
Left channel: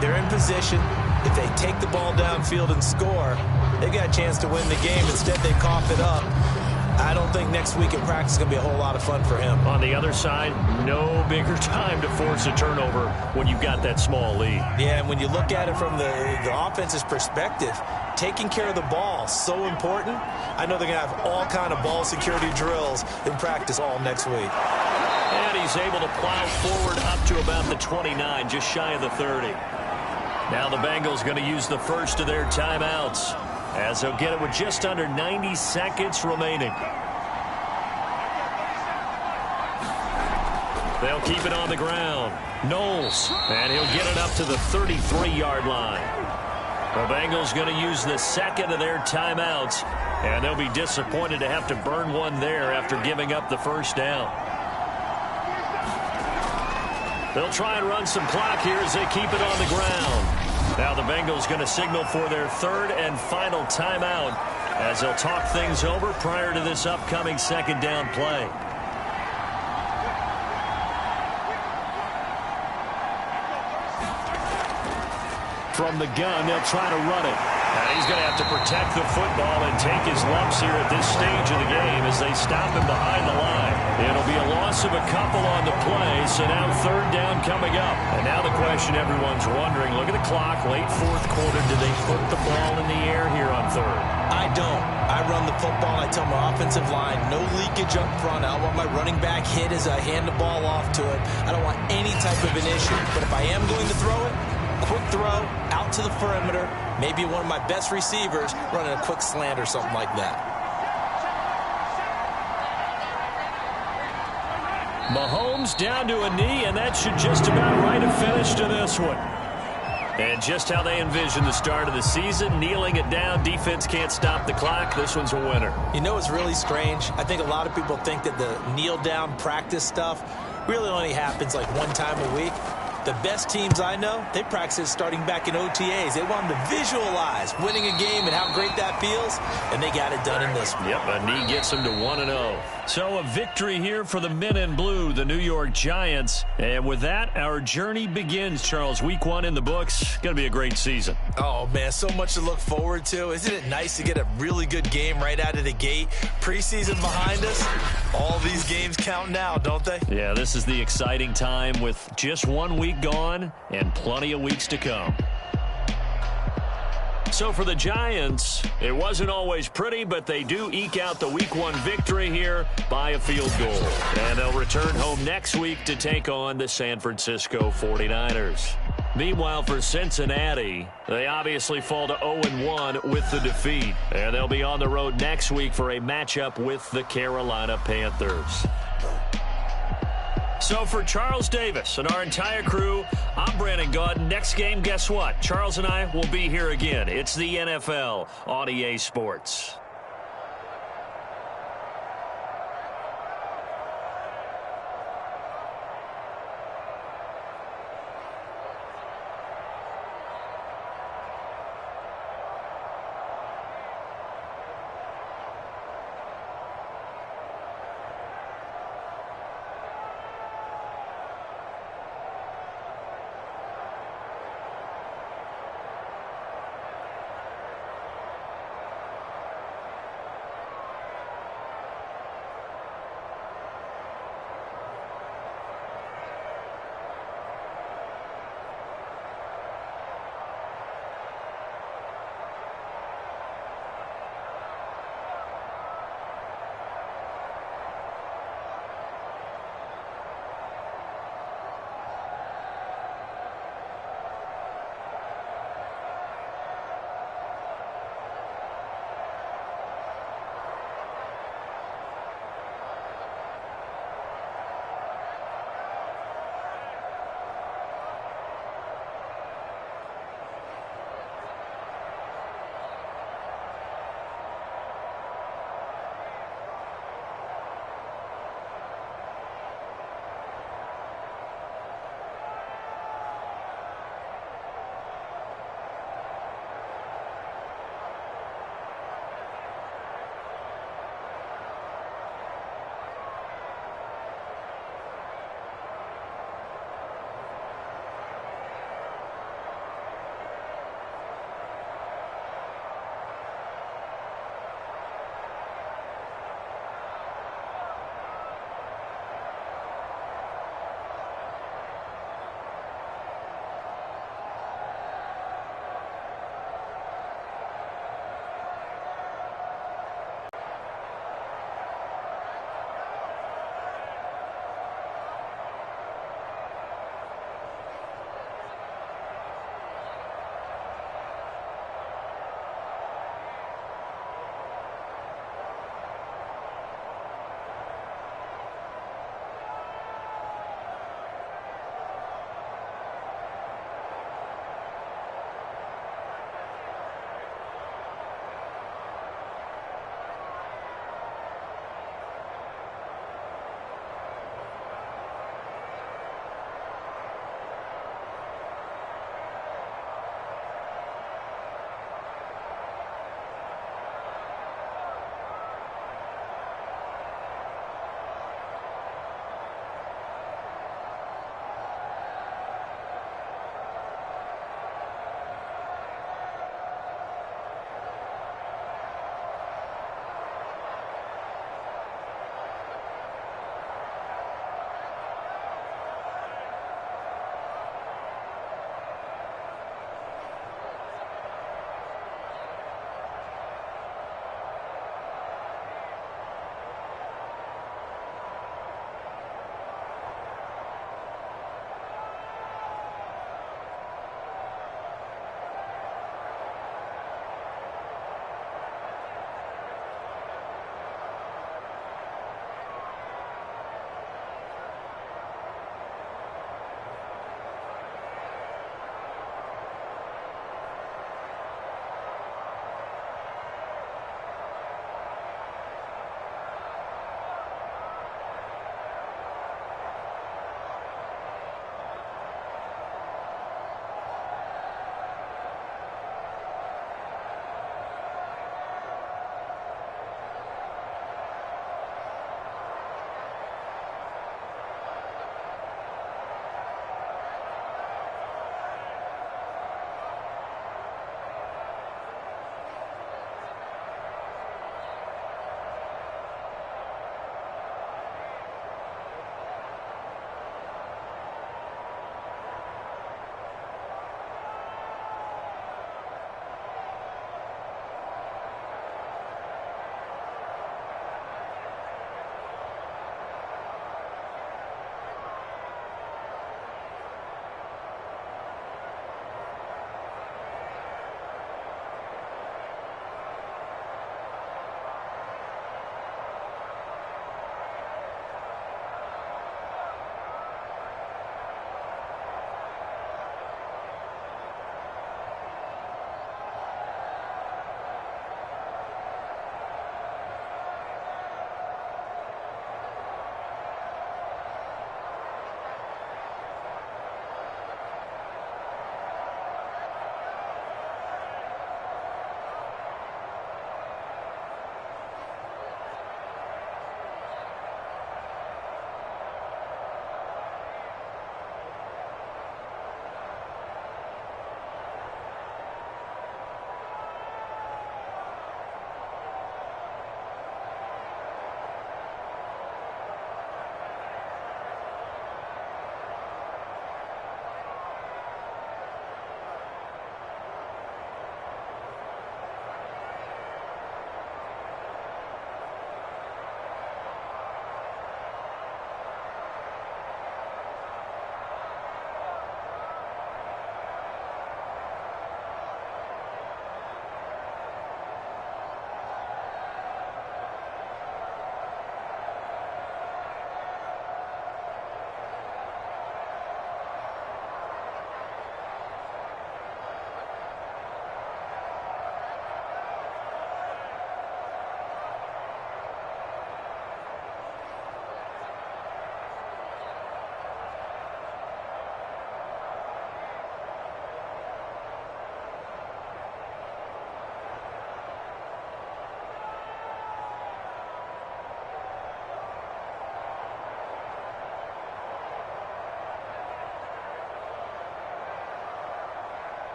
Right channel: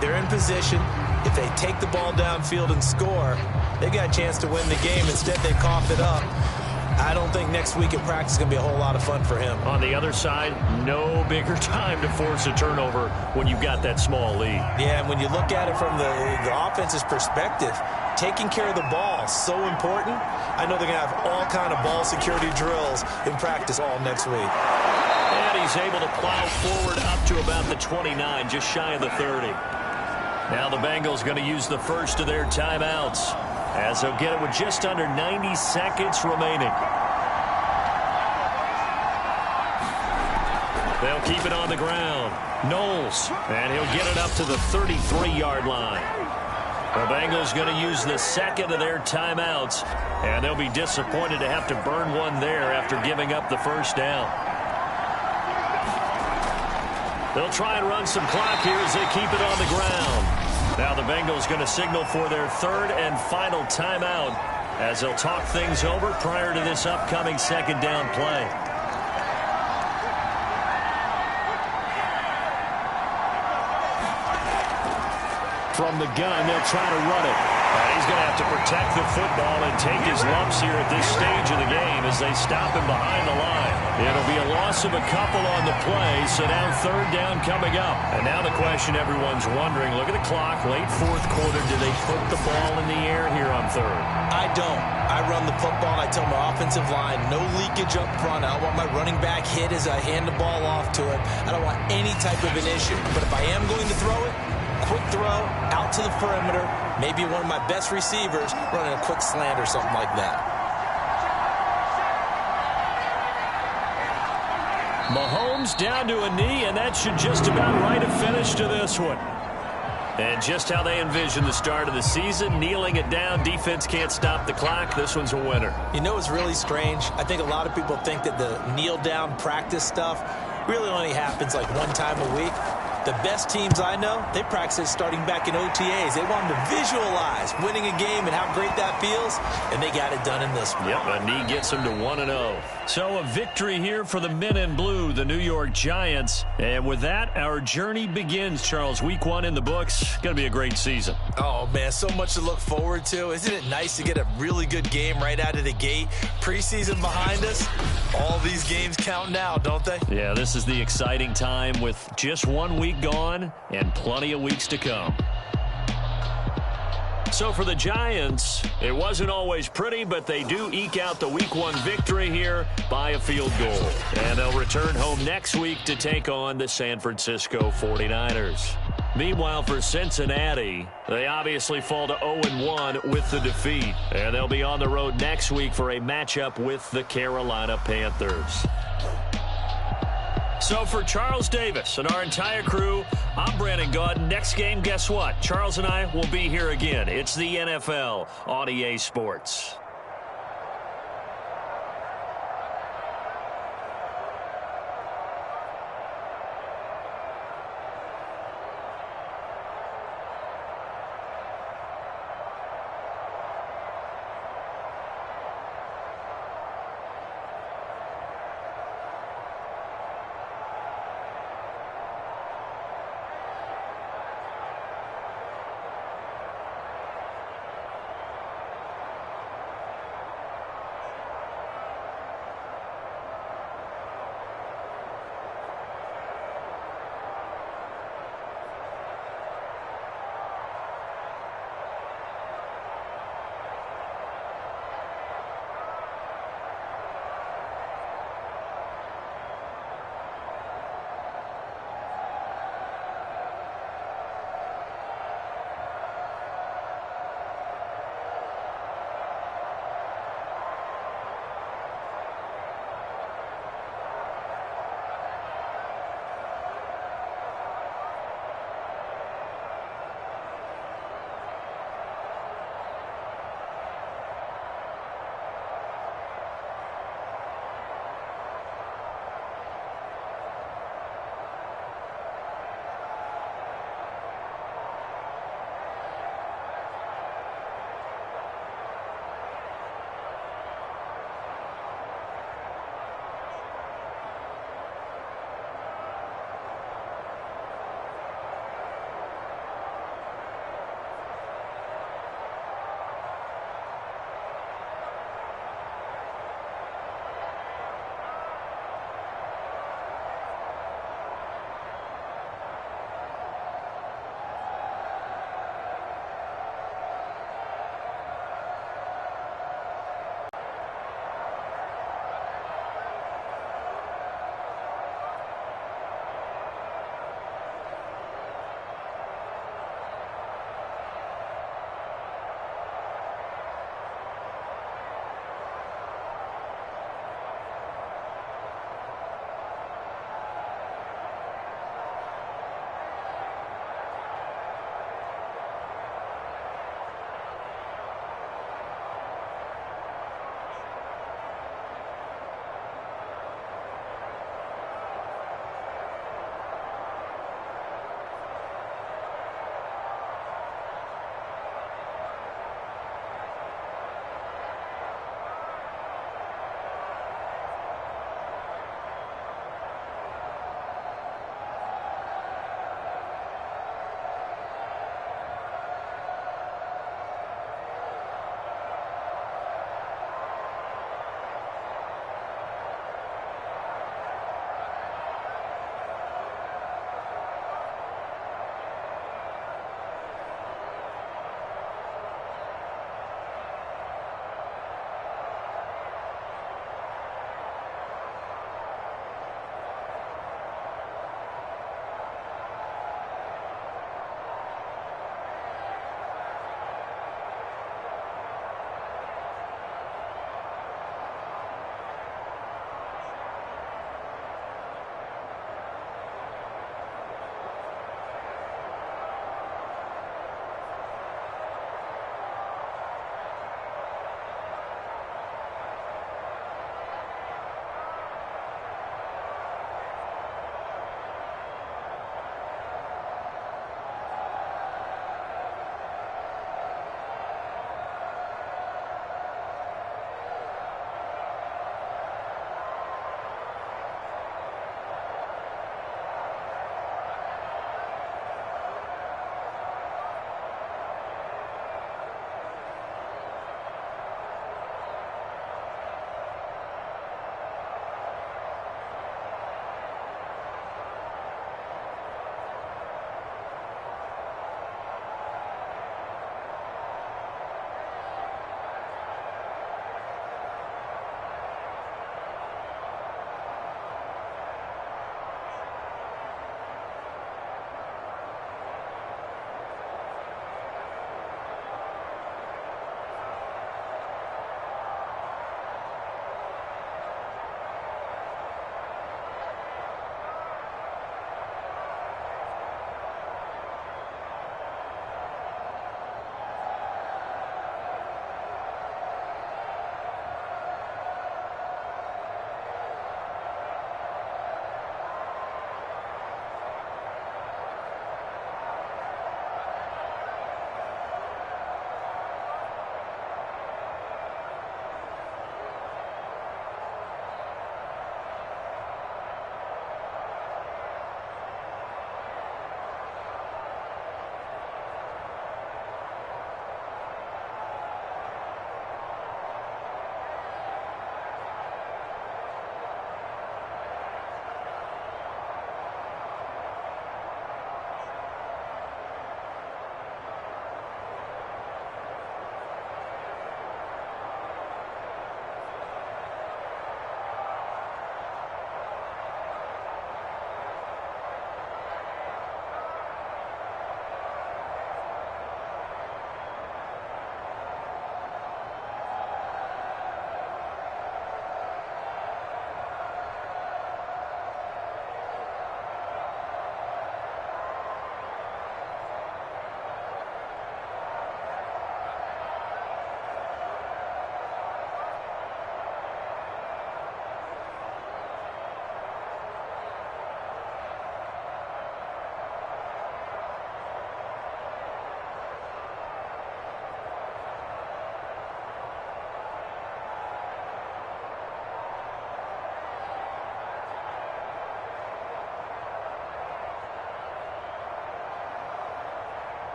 They're in position. If they take the ball downfield and score, they've got a chance to win the game. Instead, they cough it up. I don't think next week in practice is going to be a whole lot of fun for him. On the other side, no bigger time to force a turnover when you've got that small lead. Yeah, and when you look at it from the offense's perspective, taking care of the ball is so important. I know they're going to have all kind of ball security drills in practice all next week. And he's able to plow forward up to about the 29, just shy of the 30. Now the Bengals going to use the first of their timeouts, as they'll get it with just under 90 seconds remaining. They'll keep it on the ground. Knowles, and he'll get it up to the 33-yard line. The Bengals going to use the second of their timeouts, and they'll be disappointed to have to burn one there after giving up the first down. They'll try and run some clock here as they keep it on the ground. Now the Bengals going to signal for their 3rd and final timeout as they'll talk things over prior to this upcoming 2nd down play. From the gun, they'll try to run it. And he's going to have to protect the football and take his lumps here at this stage of the game as they stop him behind the line. It'll be a loss of a couple on the play, so now 3rd down coming up. And now the question everyone's wondering, look at the clock, late 4th quarter, do they put the ball in the air here on 3rd? I don't. I run the football, and I tell my offensive line, no leakage up front. I don't want my running back hit as I hand the ball off to him. I don't want any type of an issue. But if I am going to throw it, quick throw, out to the perimeter, maybe one of my best receivers running a quick slant or something like that. Mahomes down to a knee, and that should just about write a finish to this one. And just how they envision the start of the season, kneeling it down, defense can't stop the clock. This one's a winner. You know what's really strange? I think a lot of people think that the kneel-down practice stuff really only happens like one time a week. The best teams I know, they practice it starting back in OTAs. They want them to visualize winning a game and how great that feels, and they got it done in this one. Yep, a knee gets them to 1-0. So a victory here for the men in blue, the New York Giants. And with that, our journey begins, Charles. Week 1 in the books. Going to be a great season. Oh, man, so much to look forward to. Isn't it nice to get a really good game right out of the gate? Preseason behind us. All these games count now, don't they? Yeah, this is the exciting time with just 1 week gone and plenty of weeks to come. So for the Giants, it wasn't always pretty, but they do eke out the Week 1 victory here by a field goal. And they'll return home next week to take on the San Francisco 49ers. Meanwhile, for Cincinnati, they obviously fall to 0-1 with the defeat. And they'll be on the road next week for a matchup with the Carolina Panthers. So for Charles Davis and our entire crew, I'm Brandon Gaudin. Next game, guess what? Charles and I will be here again. It's the NFL on EA Sports.